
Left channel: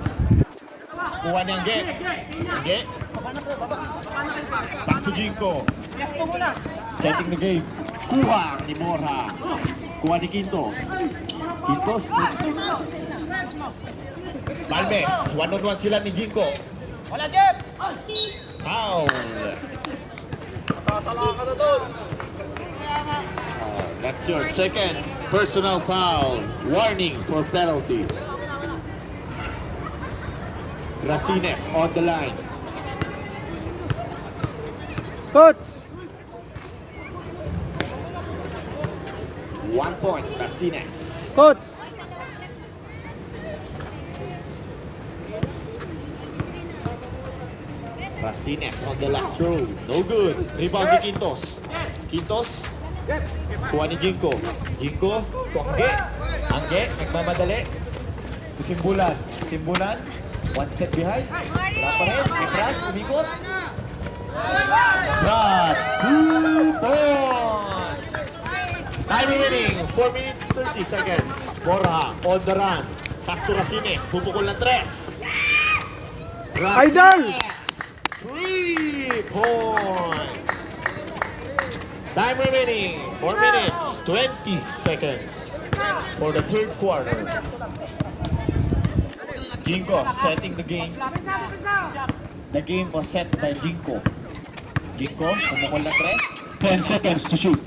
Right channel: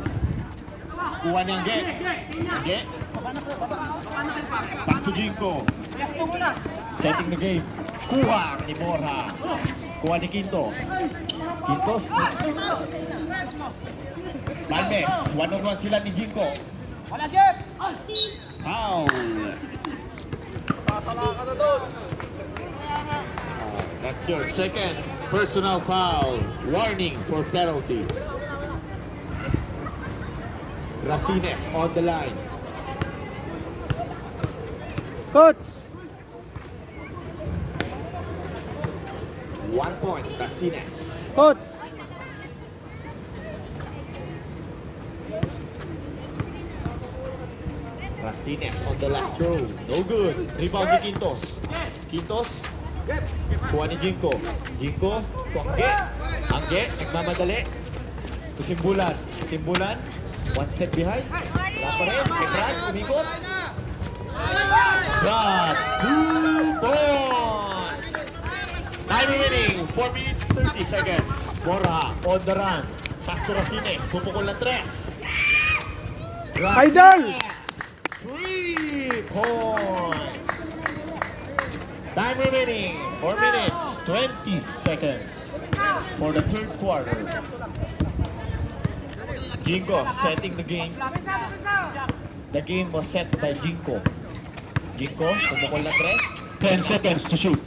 Kuha niyang get. Get. Pass to Jinko. Setting the game. Kuha ni Bora. Kuha ni Quintos. Quintos. Valdez. One-on-one sila ni Jinko. Foul. That's your second personal foul. Warning for penalty. Racines on the line. Coach! 1 point, Racines. Coach! Racines on the last throw. No good. Rebound ni Quintos. Quintos. Kuha ni Jinko. Jinko. Tuangge. Angge. Nagmamadali. To Simbulan. Simbulan. 1 step behind. Wala pa rin. Brad. Umikot. Brad. 2 points. Time remaining. 4 minutes, 30 seconds. Bora on the run. Pass to Racines. Pupukol ng 3. Idol! 3 points. Time remaining 4 minutes 20 seconds for the third quarter. Jinko setting the game. The game was set by Jinko. Jinko, pumukol na 3. 10 seconds to shoot.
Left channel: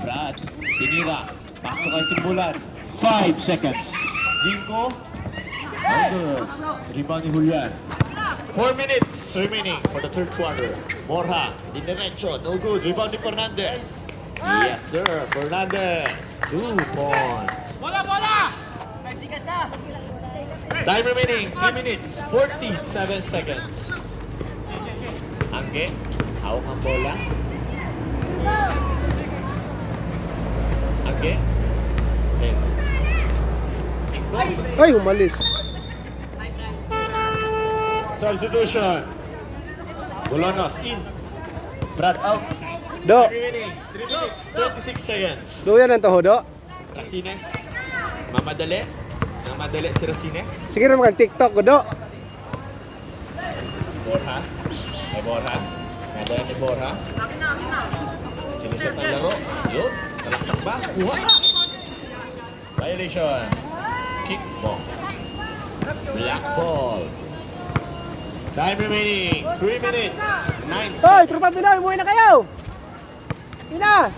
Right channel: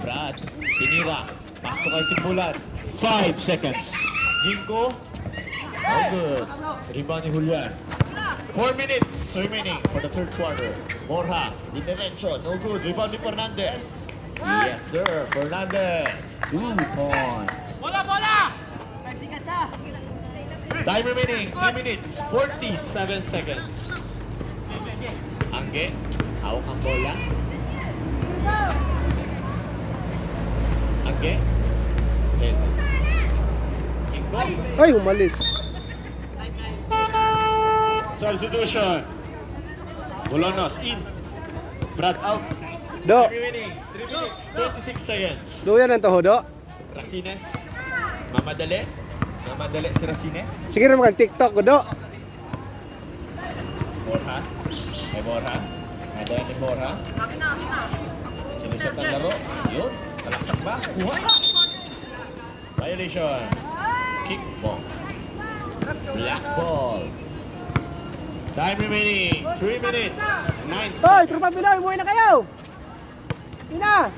Brad, tinira. Pass to kay Simbulan. 5 seconds. Jinko. No good. Rebound ni Julian. 4 minutes remaining for the third quarter. Borja, in the dimension. No good. Rebound ni Fernandez. Yes, sir. Fernandez. 2 points. Time remaining. 3 minutes. 47 seconds. Angge, hawak ang bola. Angge. Ay, umalis. Substitution. Bolonos in. Brad out. Do. Time remaining. 3 minutes. 26 seconds. Do yan ang toho, Do. Racines. Mamadali. Mamadali si Racines. Sige na mag-TikTok ko, Do. Borja. May Borja. Nadala ni Borja. Sinisip ang laro. Yun. Salaksak ba? Kuha. Violation. Kick ball. Black ball. Time remaining. 3 minutes. 9 Hoy, seconds. tropa Pinoy, umuwi na kayo. Ina.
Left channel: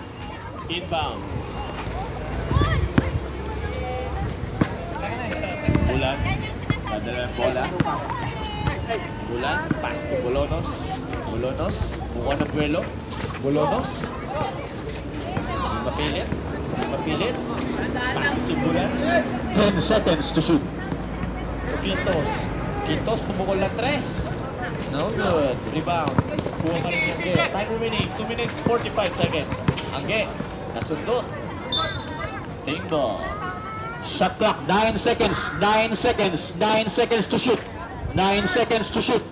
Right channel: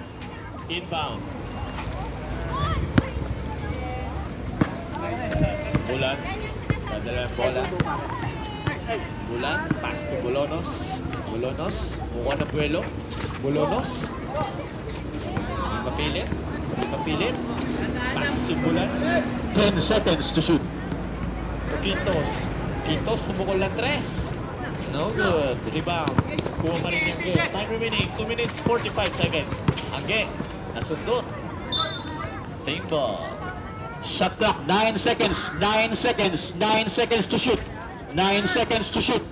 Inbound. Bulan. Padala ng bola. Bulan. Pass to Bolonos. Bolonos. Mukha ng buwelo. Bolonos. Hindi mapilit. Hindi mapilit. Pass to Simbulan. 10 seconds to shoot. To Quintos. Quintos pumukol ng 3. No good. Rebound. Kuha pa rin yung good. Time remaining. 2 minutes 45 seconds. Angge. Nasundot. Same ball. Shot clock. 9 seconds. 9 seconds. 9 seconds to shoot. 9 seconds to shoot.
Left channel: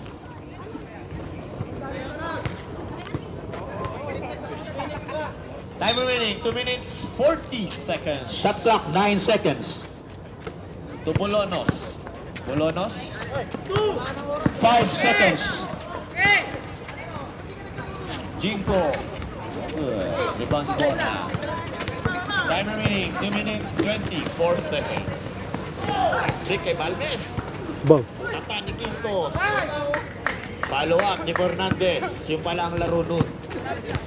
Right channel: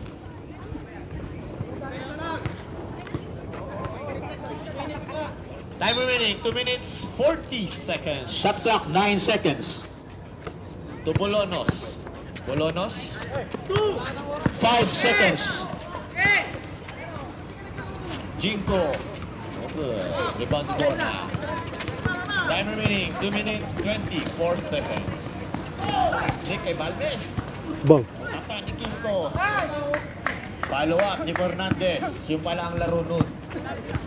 Time remaining. 2 minutes 40 seconds. Shot clock. 9 seconds. To Bolonos. Bolonos. 5 seconds. Jinko. Good. Rebound to Borja. Time remaining 2 minutes 24 seconds. Stick kay Balmes. Bang. Tapa ni Quintos. Follow up ni Fernandez. Yung pala ang laro nun.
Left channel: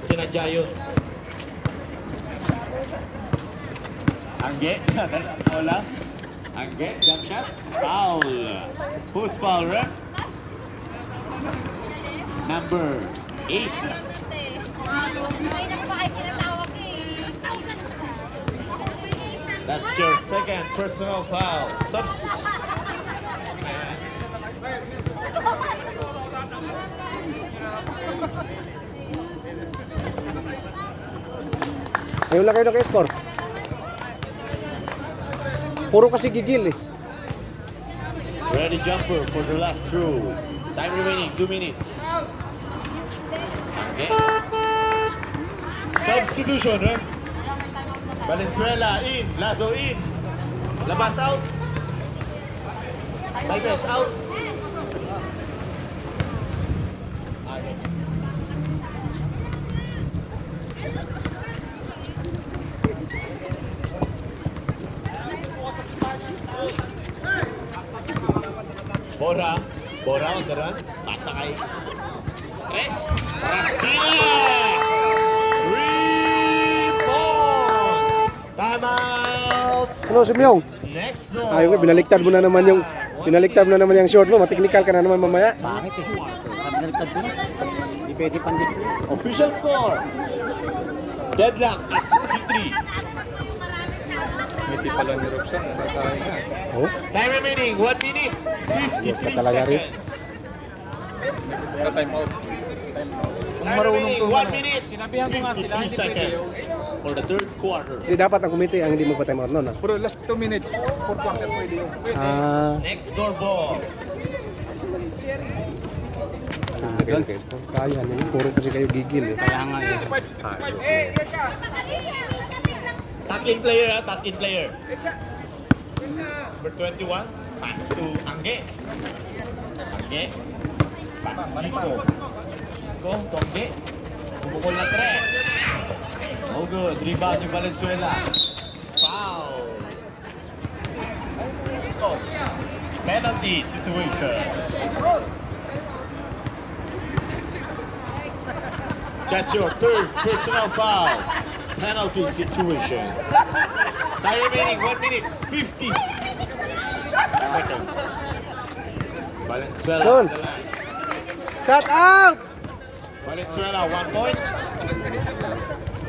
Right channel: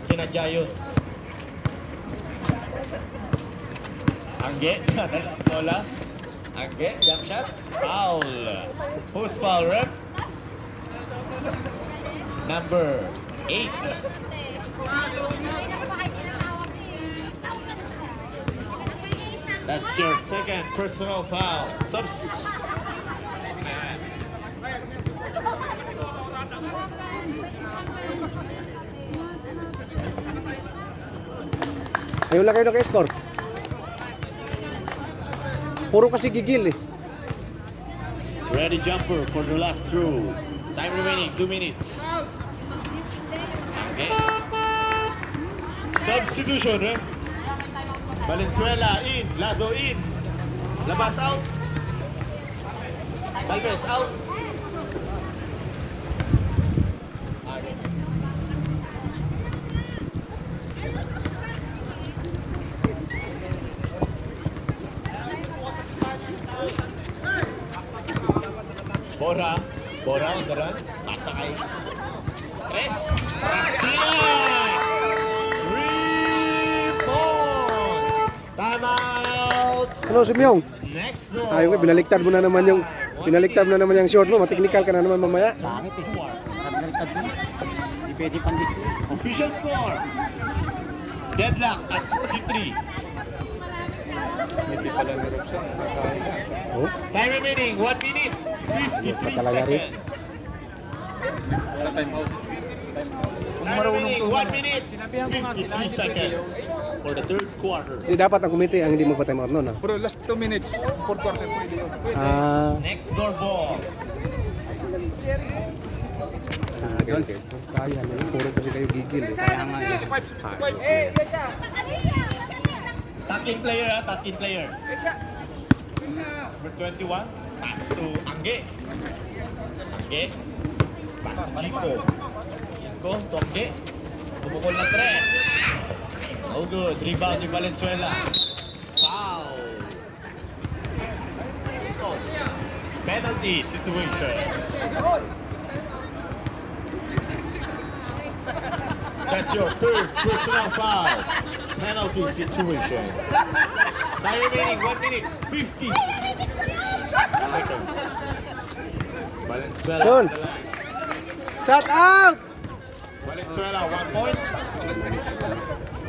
Sinadya yun. Angge. Bola. Angge. Jump shot. Foul. Who's foul, ref? Number 8. That's your second personal foul. Ayun lang kayo naka-score. Puro kasi gigil eh. Ready jumper for the last throw. Time remaining 2 minutes. Okay. Substitution, eh? Valenzuela in, Lazo in. Labas out. Valdez out. Bora on the run. Pasa kay Chris. Racines! 3 balls! Time out! Ano, si Myong? Next zone. Ay, binaliktad mo na naman yung short mo. Mateknikal ka na naman mamaya. Bakit eh? Baliktad ko na. Hindi pwede pang display. Official score. Deadlock at 53. Hindi pa lang nirap siya. Nakakain na. Oh. Time remaining 1 minute 53 talaga rin. seconds. Time out. Time remaining 1 minute 53 seconds for the third quarter. Hindi dapat ang committee ang hindi magpatay mga noon. Bro, last 2 minutes. 4 quarter pwede yun. Next door ball. Kaya mo, puro kasi kayo gigil eh. Kaya nga eh. Takin player, takin player. Number 21, pass to Angge. Angge. Pass to Jinko. Jinko, to Angge. Bumukol na 3. Oh good, rebound ni Valenzuela. Foul. Quintos. Penalty situation. That's your third personal foul. Penalty situation. Time remaining 1 minute 50 seconds. Valenzuela. Doon. Shut out! Valenzuela 1 point.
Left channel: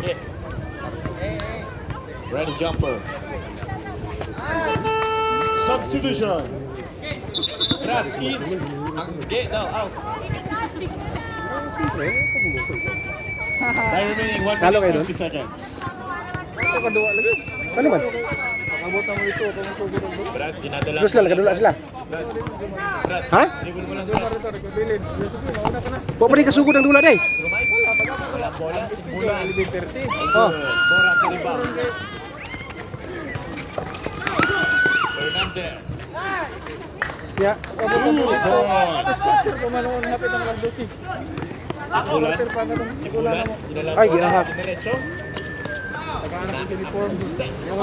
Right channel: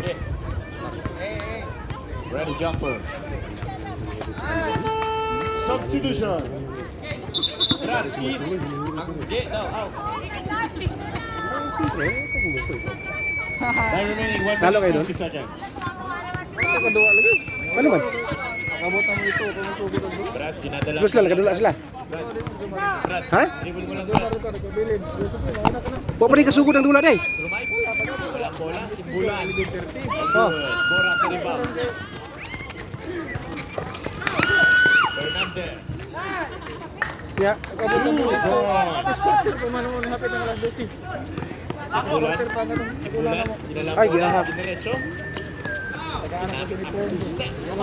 Yeah. Ready jumper. Substitution. Brad in. Get now out. Time remaining 1 Talo kayo minute doon? 50 seconds. Ano man? Brad, dinadala. Terus lang, nakadula sila. Brad, Ha? dribble mo lang Brad. Bawa pa rin kasugod ang dula day. Tumay. Wala bola, simbulan. Oh. Bola sa rebound. Fernandez. Ya. 2 points. Simbulan. Ay, gihahak. Diretso.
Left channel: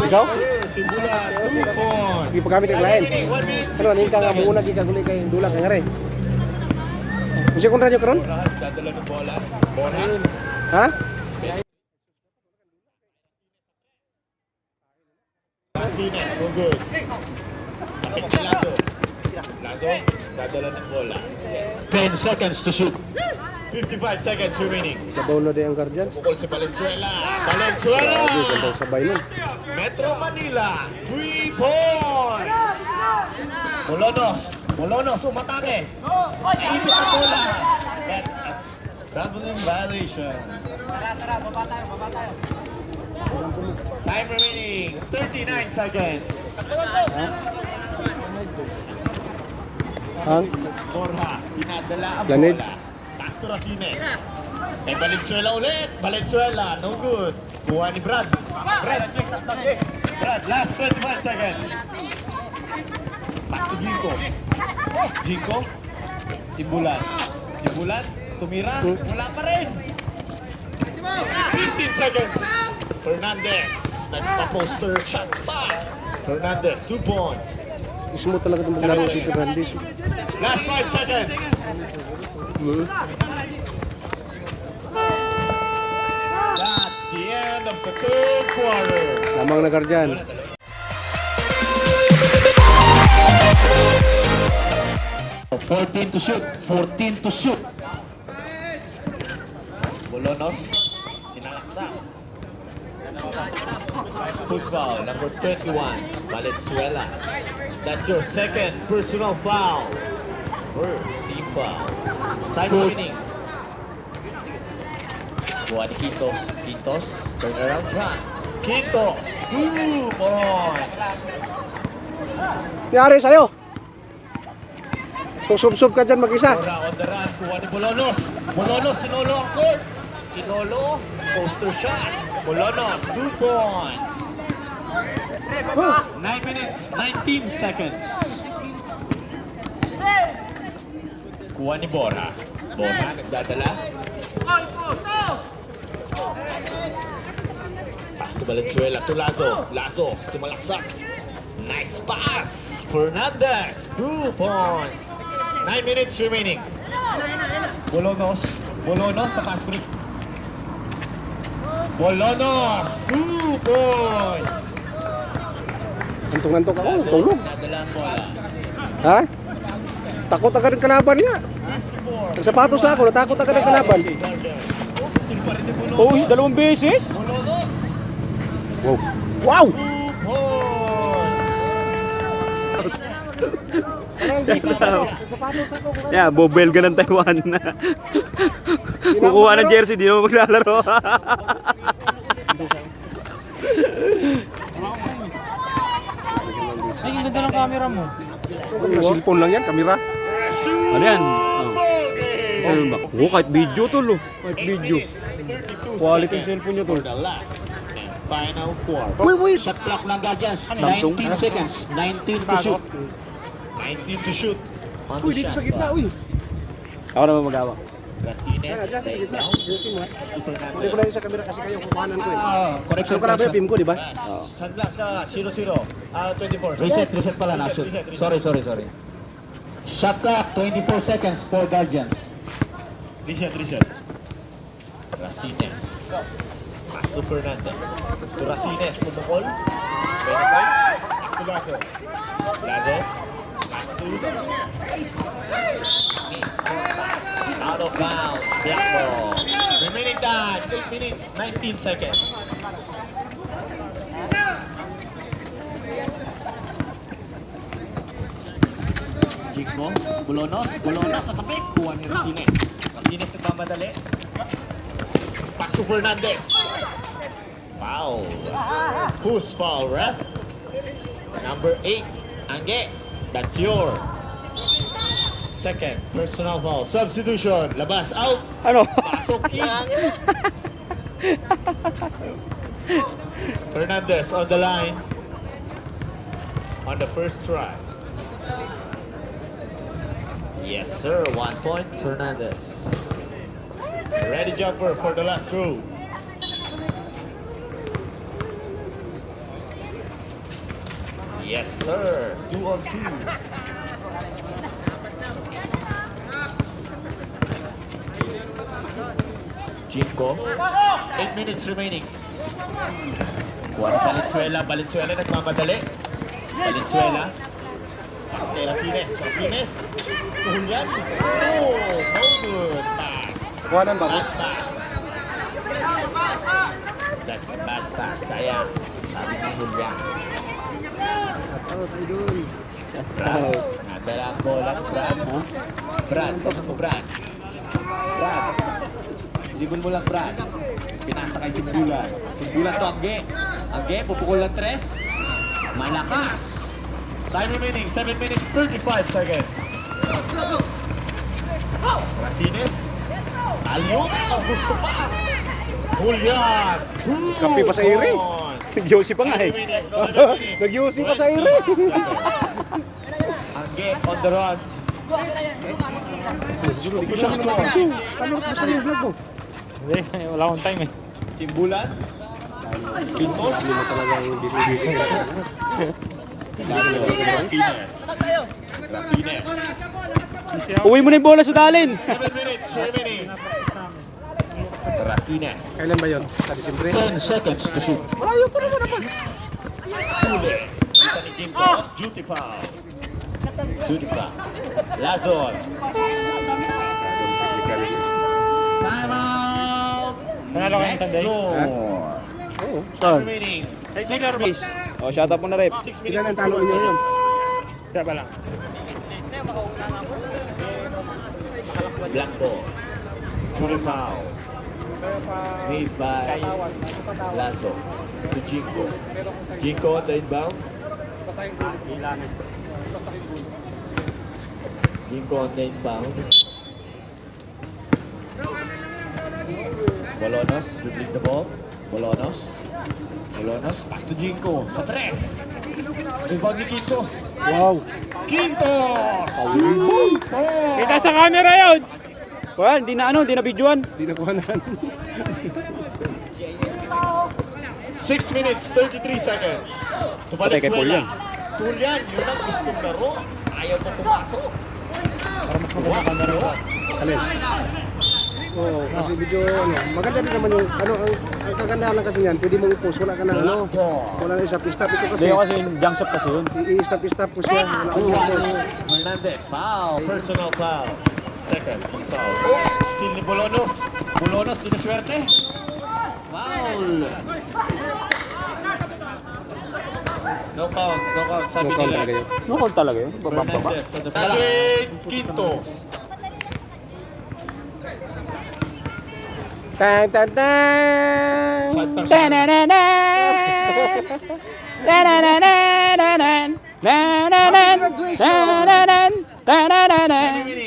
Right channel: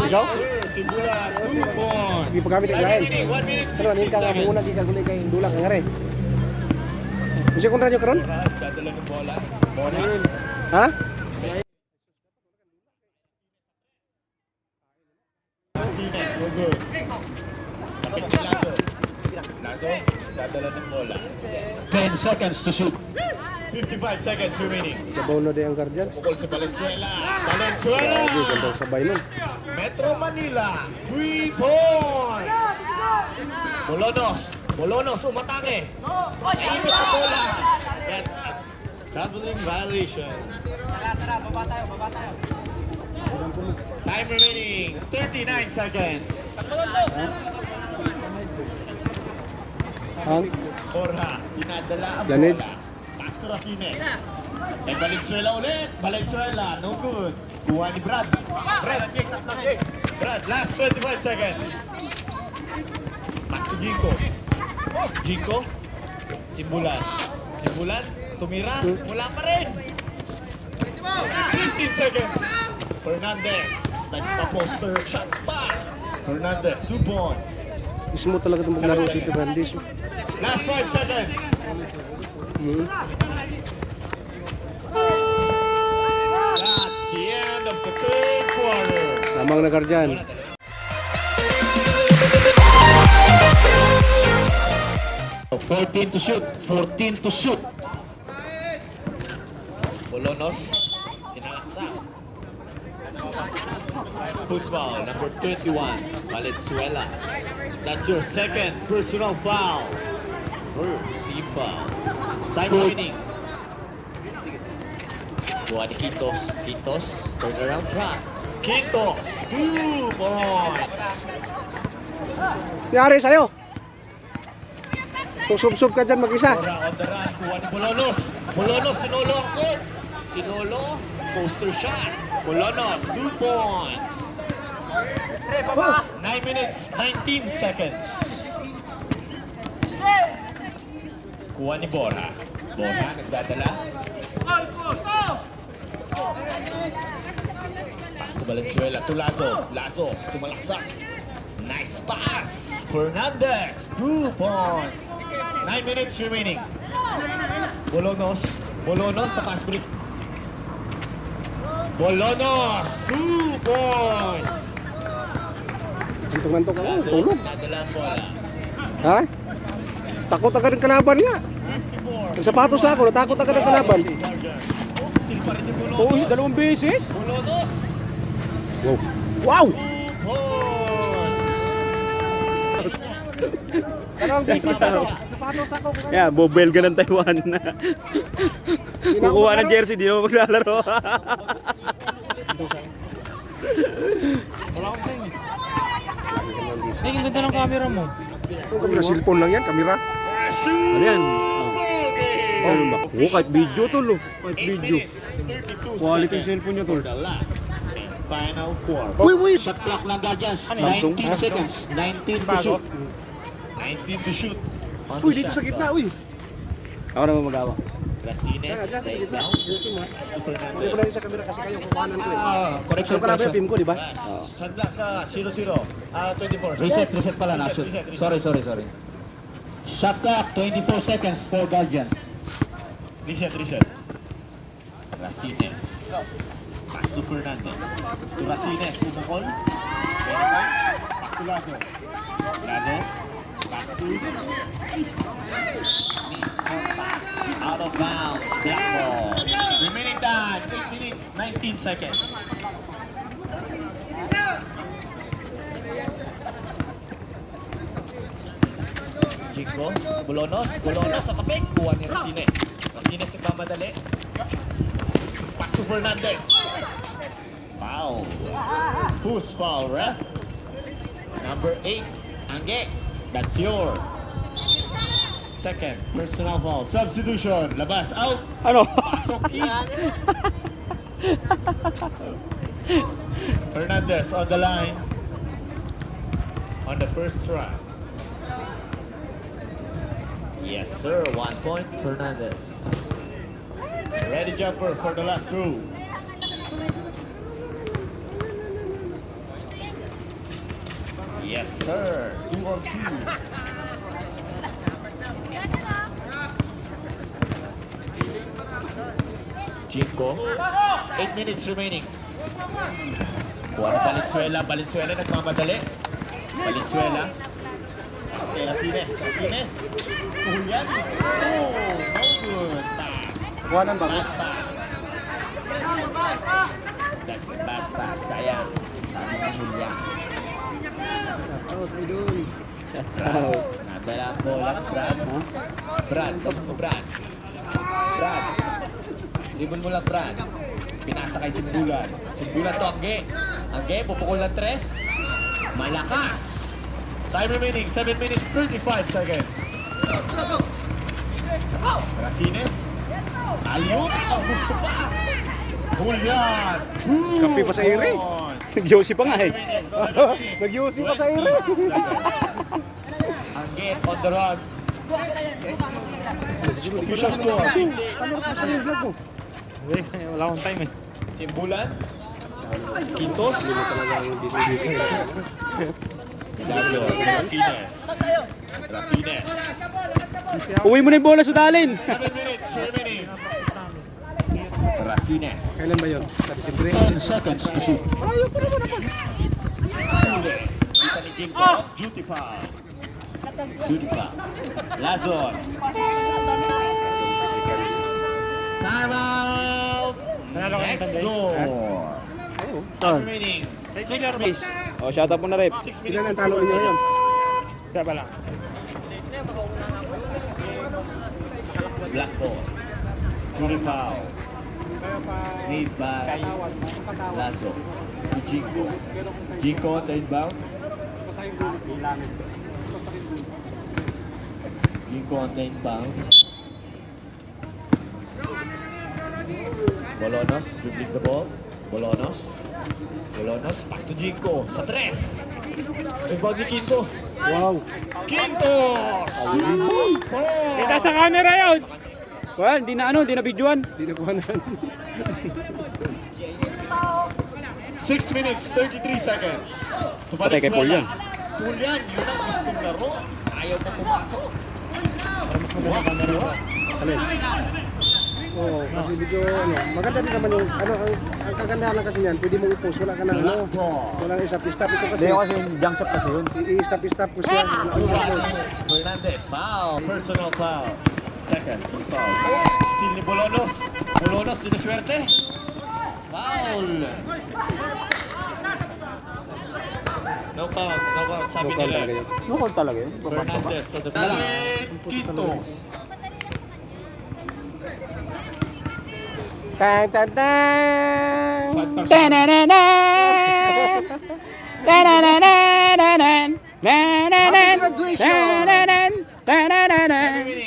Ikaw? Simbulan, 2 points. Di pagamit ang lain. 1 minute Ano, ning ka nga 16 muna seconds. di kagulay kay dula kay ngare. Kasi kung radyo karon? Bola, dadala ng bola. Bola. Ha? Martinez, we're good. Kapit ni Lazo. Lazo, dadala ng bola. 10 seconds to shoot. 55 seconds remaining. Sabaw na day ang guardian. Pukul si Valenzuela. Valenzuela! Grabe, gandang sabay nun. Metro Manila, 3 points! Bolonos, umatake. Naipit na bola. That's a traveling violation. Time remaining, 39 seconds. Ha? Borja, tinadala ang Lanage. bola. Castro Racines. Kay Valenzuela ulit. Valenzuela, no good. Buha ni Brad. Brad, last 25 seconds. Pass to Jinko. Jinko. Simbulan, tumira. Wala pa rin. 15 seconds. Fernandez. Nagpa-poster shot back. Fernandez, 2 points. Ismo talaga itong maglaro si Fernandez. Last 5 seconds. That's the end of the third quarter. Lamang na guardian. To shoot, 14 to shoot. Bolonos, sinalaksa. Who's foul? Number 21, Valenzuela. That's your second personal foul. First team foul. Time remaining. Buha ni Quintos, turnaround shot. Quintos, 2 points. Yari sa'yo. Kung sub-sub ka dyan mag-isa. Bora on the run, kuha ni Bolonos. Sinolo ang court. Sinolo, poster shot. Bolonos, 2 points. 9 minutes, 19 seconds. Kuha ni Bora. Nagdadala. Pass to Valenzuela to Lazo, sumalaksak. Nice pass. Fernandez, 2 points. 9 minutes remaining. Bolonos sa pass break. Bolonos, 2 points. Antok-antok ako, Lazo, tulog. nadala ang bola. Ha? Takot agad ang kalaban nga. Ang sapatos na ako, natakot agad ang kalaban. Still pa rin yung Bolonos. Dalawang beses. Bolonos, Wow. Wow! 2 points. Yeah, bobel ka ng Taiwan na. Kukuha ng jersey, di mo maglalaro. Ay, ang ganda ng camera mo. Cellphone lang yan, kamera. Ano yan? Oh, kahit video to lo. Kahit 8 video. minutes, 32 Quality seconds cellphone niya, for tol. the last and final quarter. Wait. Shot clock ng Guardians, Samsung? 19 seconds, 19 to shoot. 19 to shoot. On Uy, the dito shot sa gitna, clock. uy. Ako naman magawa. Racines, right now. Hindi ko lang sa kamera kasi kayo kukuhanan ko eh. Correction, Yung kanada, team ko, di ba? Shot clock, 0-0. 24. Reset pala na. Sorry. Shot clock, 24 seconds for Guardians. Reset. Racines. Pasto Fernandez. To Racines, pumukol. 20 points. Pass to Lazo. Pass to... Miss contact. Out of bounds. Black ball. Remaining time, 8 minutes, 19 seconds. Jinko, Bulonos sa tapik, kuha ni Racines. Racines nagmamadali. Pass to Fernandez. Foul. Who's foul, ref? Number 8, Angge. That's your second personal foul. Substitution. Labas, out. Ano? Pasok in. Fernandez on the line. On the first try. Yes, sir. 1 point, Fernandez. Ready jumper for the last throw. Yes, sir. 2 on 2. Jinko. 8 minutes remaining. Valenzuela nagmamadali. Valenzuela. Racines. Julian. Oh, no good pass. Kuhanan ba? Bad pass. That's a bad pass. Sayang. Sabi ni Julian. Out, idol. Nadala ang bola ng Brad. Brad. Dribble mo lang, Brad. Pinasa kay Simbulan. Simbulan to Angge, pupukol ng 3. Malakas. Time remaining, 7 minutes, 35 seconds. Racines. Ayun, ang gusto pa. Julian. Kape pa sa iri. Josie pa nga eh. Nag-Josie pa sa iri. Angge on the run. Official score. Wala akong time eh. Simbulan. Quintos. Racines. Uwi mo na yung bola sa dalin. 7 minutes remaining. Racines. Kailan ba yun? Sa Disyembre? 10 seconds to shoot. Malayo pa naman ako. Duty foul. Lazon. Time out. Next score. Time remaining. 6 minutes. Oh, shut up mo na, Rep. 6 minutes. Ilan ang talo niyo yun? Isa pa lang. Blanco. Duty foul. Made by Lazo to Jinko. Jinko on the inbound. Jinko on the inbound. Bolonos dribbling the ball. Bolonos, pass to Jinko sa 3. Rebound ni Quintos. Wow. Quintos! Kita sa camera yun. Well, di na videoan. Hindi na kuhanan. 6 minutes, 33 seconds. To Valenzuela. Julian, yun ang gustong laro. Ayaw na pumasok. Para mas maganda camera yun. Alin? Oo, kasi medyo maganda din naman yung ang kagandahan lang kasi yan, pwede mong i-post, wala ka na wala na i-stop. Ito kasi, Hindi kasi yung junk shot kasi yun. i-stop ko siya. Hernandez, foul. Personal foul. Second, team foul. Steal ni Bolonos. Bolonos, sinuswerte. Foul. No count, sabi nila. No call talaga yun. Bababa. Hernandez sa defense. Quinto. Tang tang tang! Remaining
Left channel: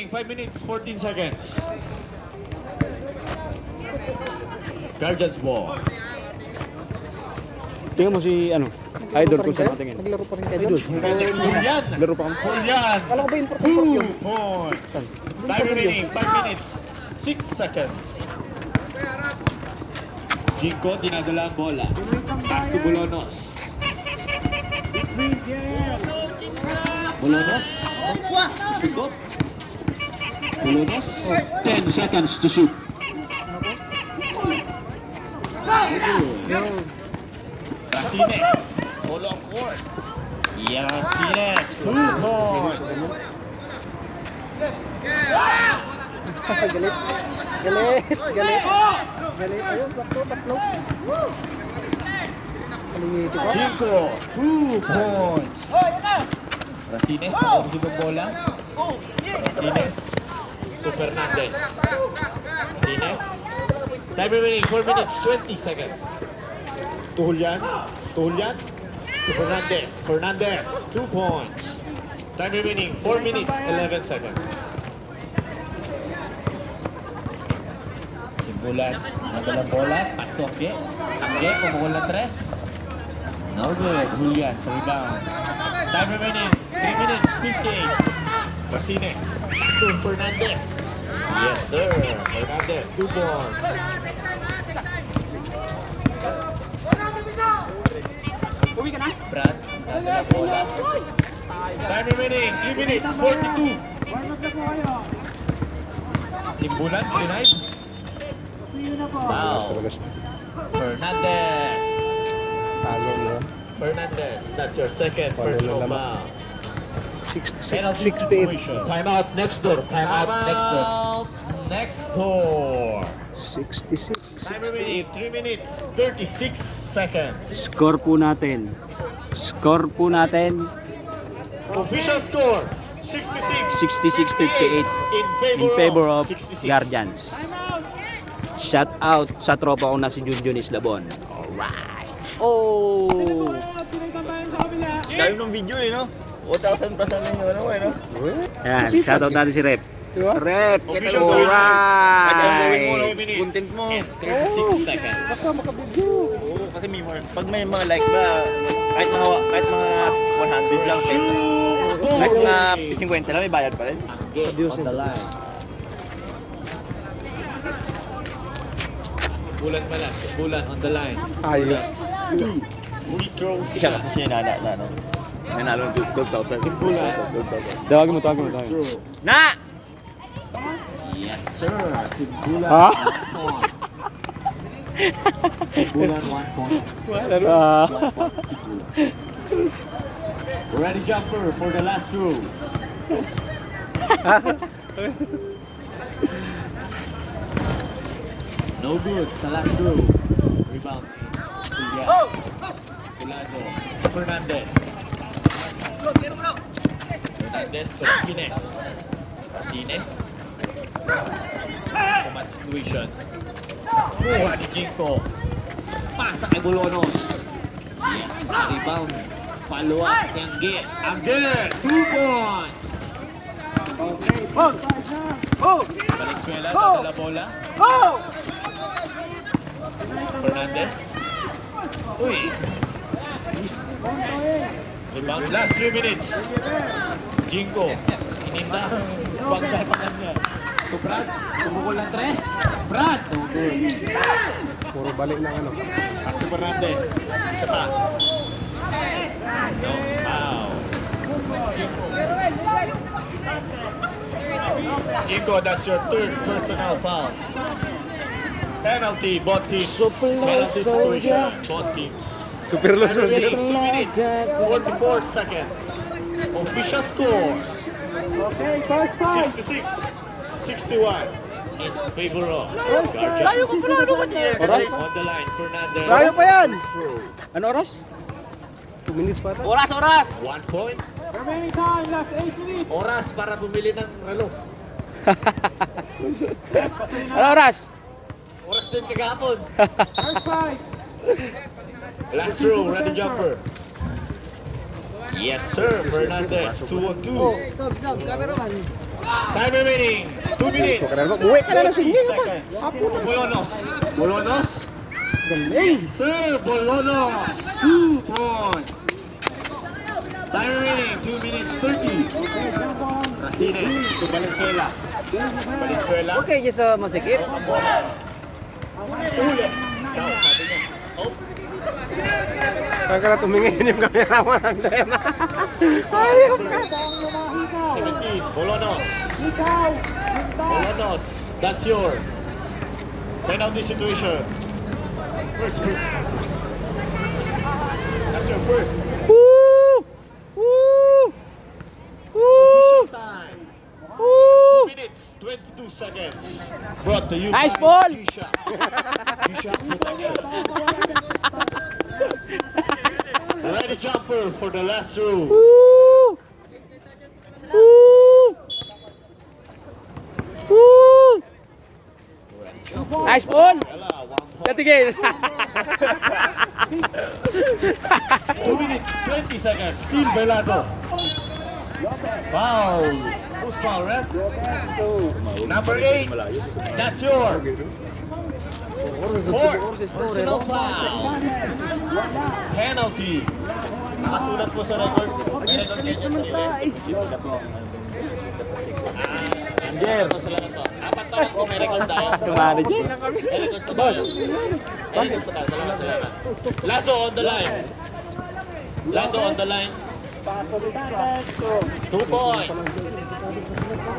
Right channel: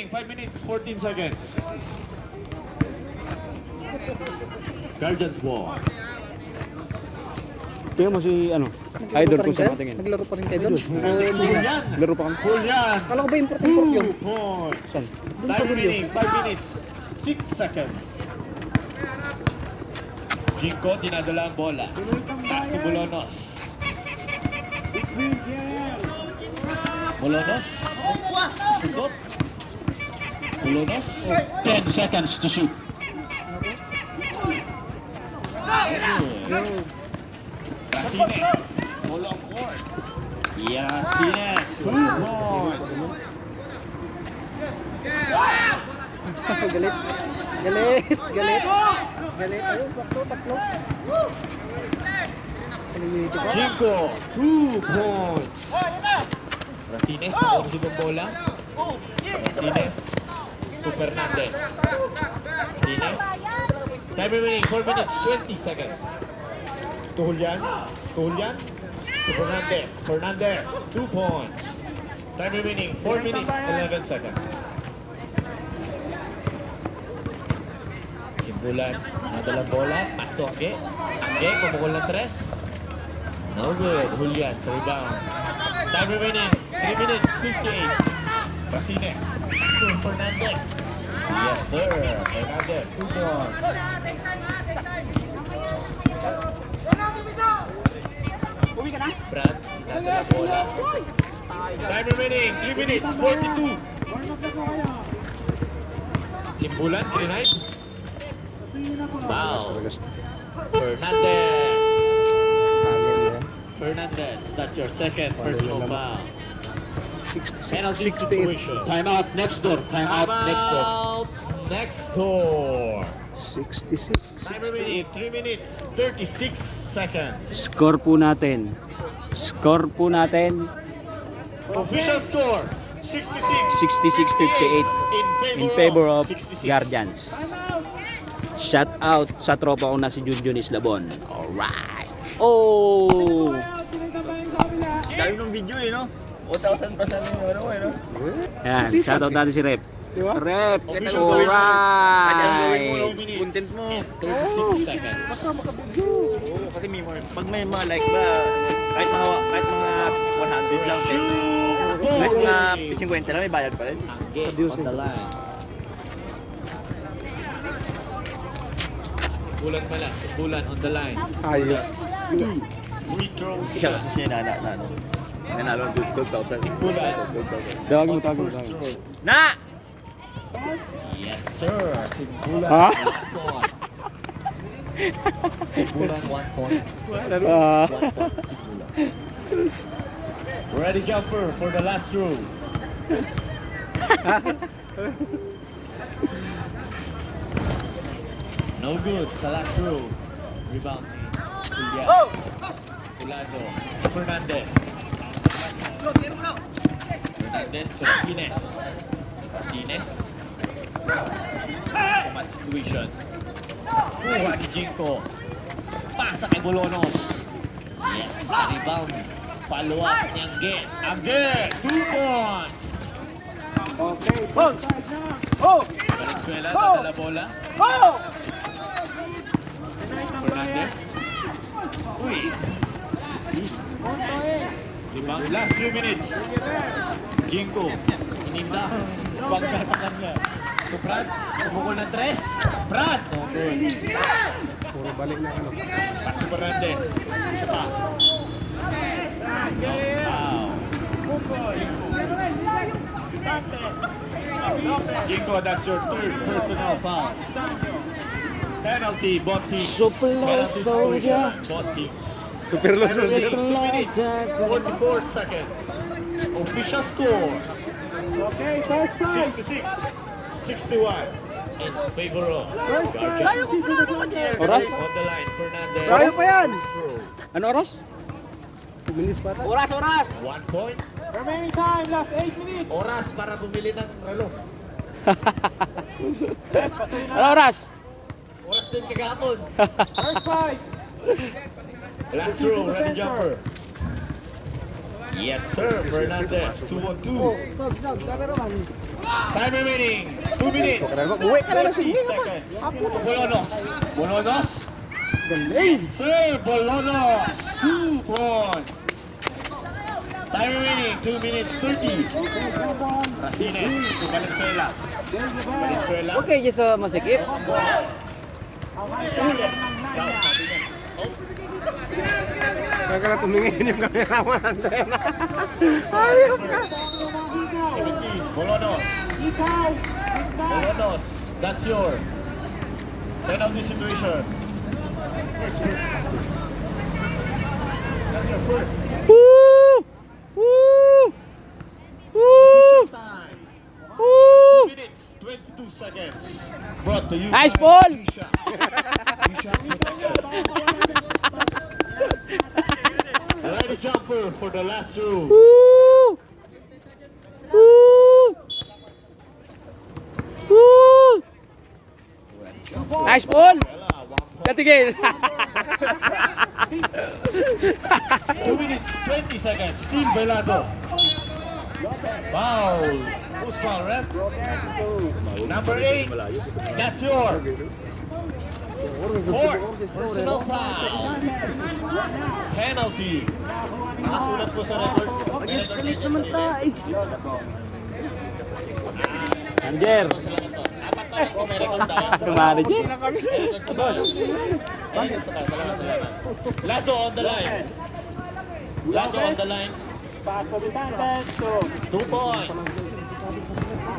5 minutes, 14 seconds. Guardians ball. Tingnan mo si idol ko sa matingin. Naglaro pa rin kayo doon? Laro pa kami. Julian. Kala ko ba important 2 points. Time remaining 5 minutes, 6 seconds. Jinko, dinadala ang bola. Pass to Bolonos. Bolonos. Isugot. Bolonos. 10 seconds to shoot. Racines. Solo ang court. Racines. 2 points. Galit. Galit. Galit. Galit. Ayun, sakto, tatlo. Paliniti ko. Jinko, 2 points. Racines, nakuha ng bola. Racines to Fernandez. Racines. Time remaining, 4 minutes, 20 seconds. To Julian. To Julian. To Fernandez. Fernandez, 2 points. Time remaining, 4 minutes, 11 seconds. Simbulan, nadalang bola, pass to Angge. Angge, pumukul ng 3. No good. Julian sa rebound. Time remaining. 3 minutes, 58. Racines. To Fernandez. Yes, sir. Fernandez. 2 points. Brad. nadalang bola. Time remaining. 3 minutes, 42. Simbulan, 39. Foul. Fernandez. Fernandez, that's your second personal foul. Penalty situation. Time out next door. Time out next door. Next door. 66. Time remaining 3 minutes 36 seconds. Score po natin. Score po natin. Official score 66-58 in favor of 66. Guardians. Shout out sa tropa ko na si Junjun Islabon. Alright. Oh! Dahil ng video eh, no? 1,000% yung ano eh, no? Ayan, shout out natin si Rep. Rep! Official Alright! Content mo. 36 seconds. Oo, kasi may mga, pag may mga like ba, kahit mga 100 lang. Kahit mga 50 lang, may bayad pa rin. Angge on the line. Bulan pala. Bulan on the line. Ayun. 2 free throw shot. Nanalo ng 12,000. Simbulan. Tawagin mo, tawagin mo. Na! Yes, sir. Simbulan. Ha? 1 point. Simbulan 1 point. Ah. Ready jumper for the last throw. No good sa last throw. Rebound. Julian. Tulazo. Fernandez. Fernandez to Racines. Racines. Command situation. Kuha ni Jinko. Pasa kay Bolonos. Yes, sa rebound. Follow up ni Angge. Angge, 2 points. Valenzuela, nadala bola. Fernandez. Uy. Rebound. Last 3 minutes. Jinko. Inimba. Bangga sa kanya. To Brad. Tumukol ng 3. Brad. No good. Puro balik na ano. Pass to Fernandez. Isa pa. Wow. Jinko, that's your 3rd personal foul. Penalty, both teams. Penalty situation, both teams. Super low 2 minutes, 44 seconds. Official score. 66-61 in favor of Guardians. Oras? On the line, Fernandez. Layo pa yan! Ano oras? 2 minutes pa ito. Oras! 1 point. Oras para bumili ng relo. Ano oras? Oras din kagapon. Last throw, ready jumper. Yes sir, Fernandez, 2-on-2. Time remaining, 2 minutes, 20 seconds. To Bolonos. Bolonos. Yes sir, Bolonos, 2 points. Time remaining, 2 minutes, 30. Racines to Valenzuela. Valenzuela. Okay, dyan sa masikip. Saan ka na tumingin yung cameraman natin? Ayop ka! 17, Bolonos. Bolonos, that's your penalty situation. First. That's your first. Woo! Woo! Woo! Time. 2 minutes, 22 seconds. Brought to you Nice by ball. G-Shock. G-Shock protection. Ready jumper for the last throw. Woo! Woo! Woo! Nice ball! Katigil! 2 minutes, 20 seconds. Still Belazo. Foul. Who's foul, ref? Number 8. That's your fourth personal foul. Penalty. Nakasulat po sa record. Escalate naman tayo. Anger. Apat na rin po may record tayo. Tumari dyan. May record po tayo. May record po tayo. Salamat. Lasso on the line. Lasso on the line. 2 points.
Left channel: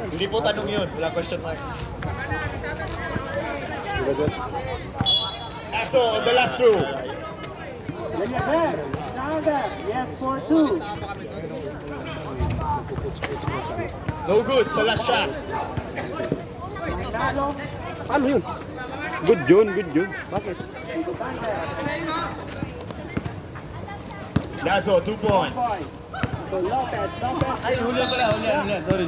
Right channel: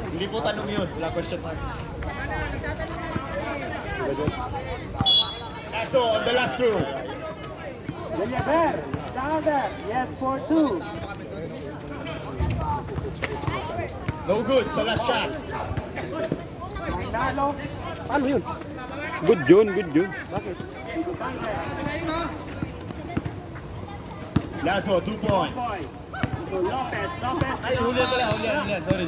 Hindi po tanong yun. Wala question mark. Lasso on the last throw. No good sa last shot. Ano yun? Good yun, good yun. Bakit? Lasso, 2 points. Ay, hulihan pala, hulihan. Sorry.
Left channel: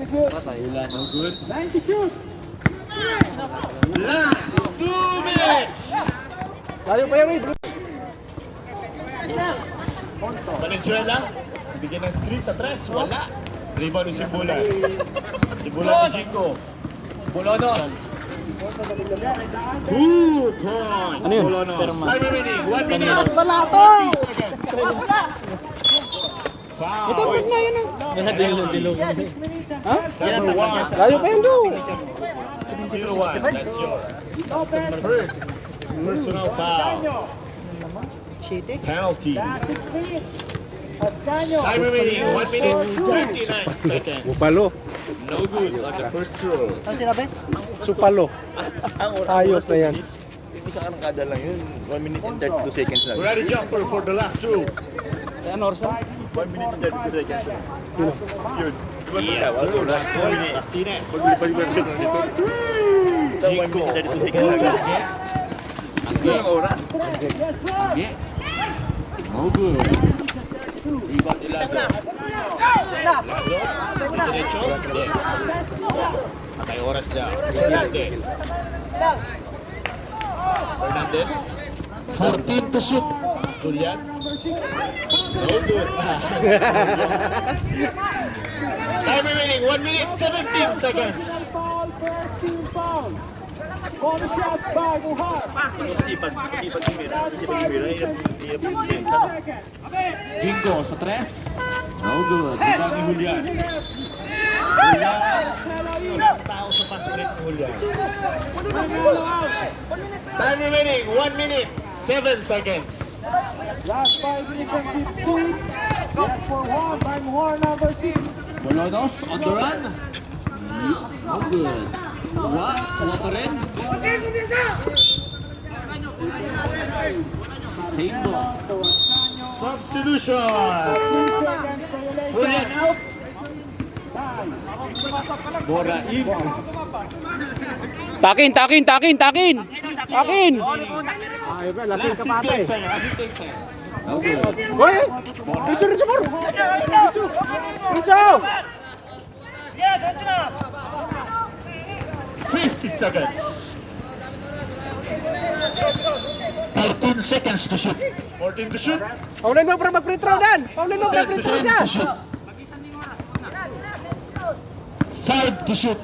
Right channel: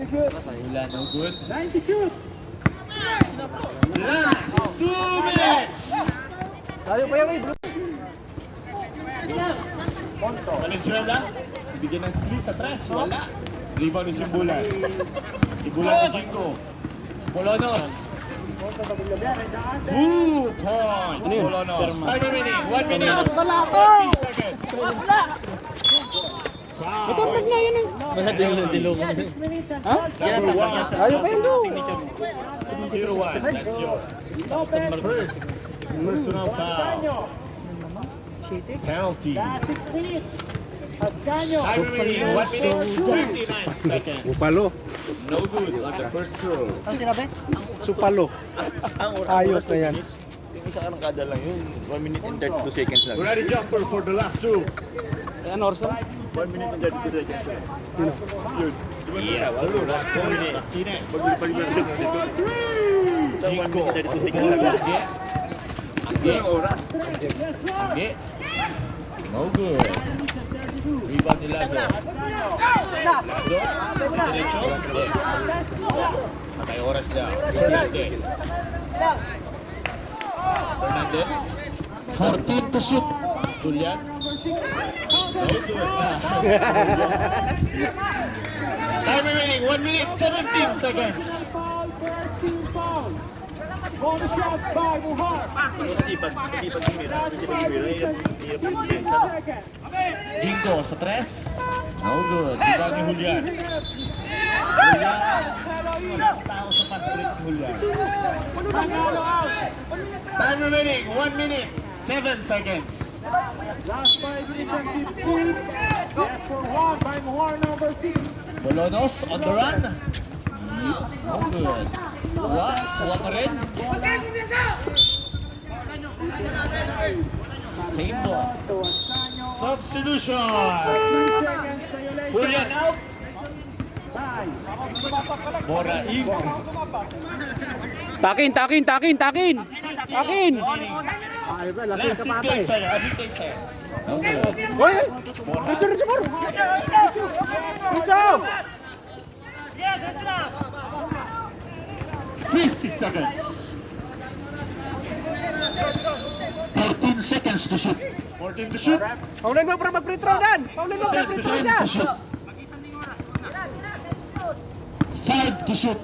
Wala, no good. Last 2 minutes! Valenzuela, bigyan ng screen sa tres, wala. Rebound ni Simbulan. Simbulan ni Jinko. Bolonos. 2 points. Ano yun? Bolonos. Time remaining, 1 minute. 40 seconds. Foul. Na yun o. Wala dilo. Ha? Number 1. Layo pa yun do. 0-1. That's your first personal foul. Penalty. Time remaining, 1 minute, 29 seconds. Upalo. No good on the first throw. Supalo. Ayos na yan. Yung isa karang kada lang yun, 1 minute and 32 seconds lang. Ready jumper for the last throw. Ayan, Orson. 1 minute and 32 seconds lang. Yun. Yes, sir. Martinez. Jinko. Ang oras. Angge. No good. Rebound ni Lazo. Lazo. Diretso. Hindi. Patay oras na. Fernandez. 14 to shoot. Julian. No good. Time remaining, 1 minute, 17 seconds. Jinko sa tres. No good. Rebound ni Julian. Walang tao sa basket ni Julian. Time remaining, 1 minute, 7 seconds. Bolonos on the run. No good. Kuha pa rin. Same ball. Substitution. Julian out. Bora in. Takin. Last 15 seconds. 15 seconds. No good. Pinso! 50 seconds. 14 seconds to shoot. 14 to shoot. Paulin mo para mag-free throw dan! Paulin mo para 10 free throw siya! to shoot. 5 to shoot.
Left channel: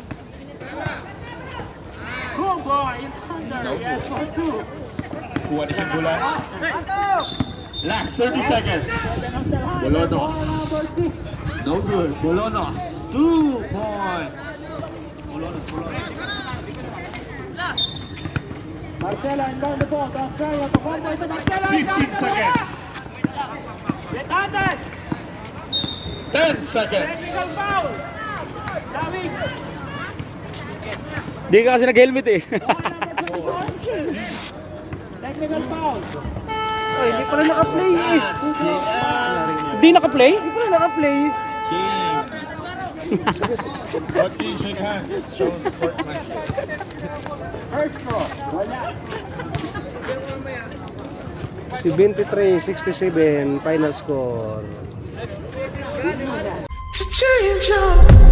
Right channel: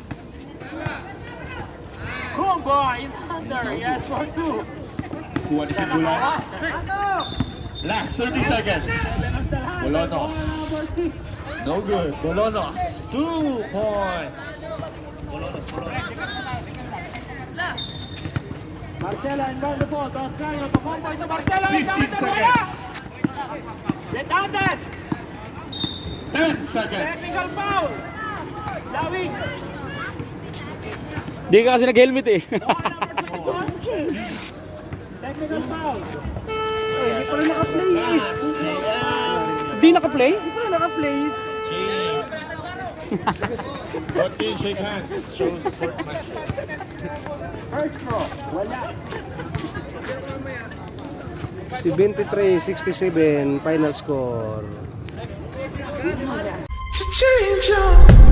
Kuha ni Simbulan. Last 30 seconds. Bolonos. No good. Bolonos. 2 points. Bolonos. Marcelo, inbound the ball to Australia. To 1 point to Marcelo. 15 seconds. 10 seconds. Di ka kasi nag-helmet eh. Technical foul. Hindi pa rin naka-play eh. Di naka-play? Hindi pa rin naka-play. Game. Both teams shake hands. Shows sportsmanship. First bro. Wala. 73-67 final score. To change your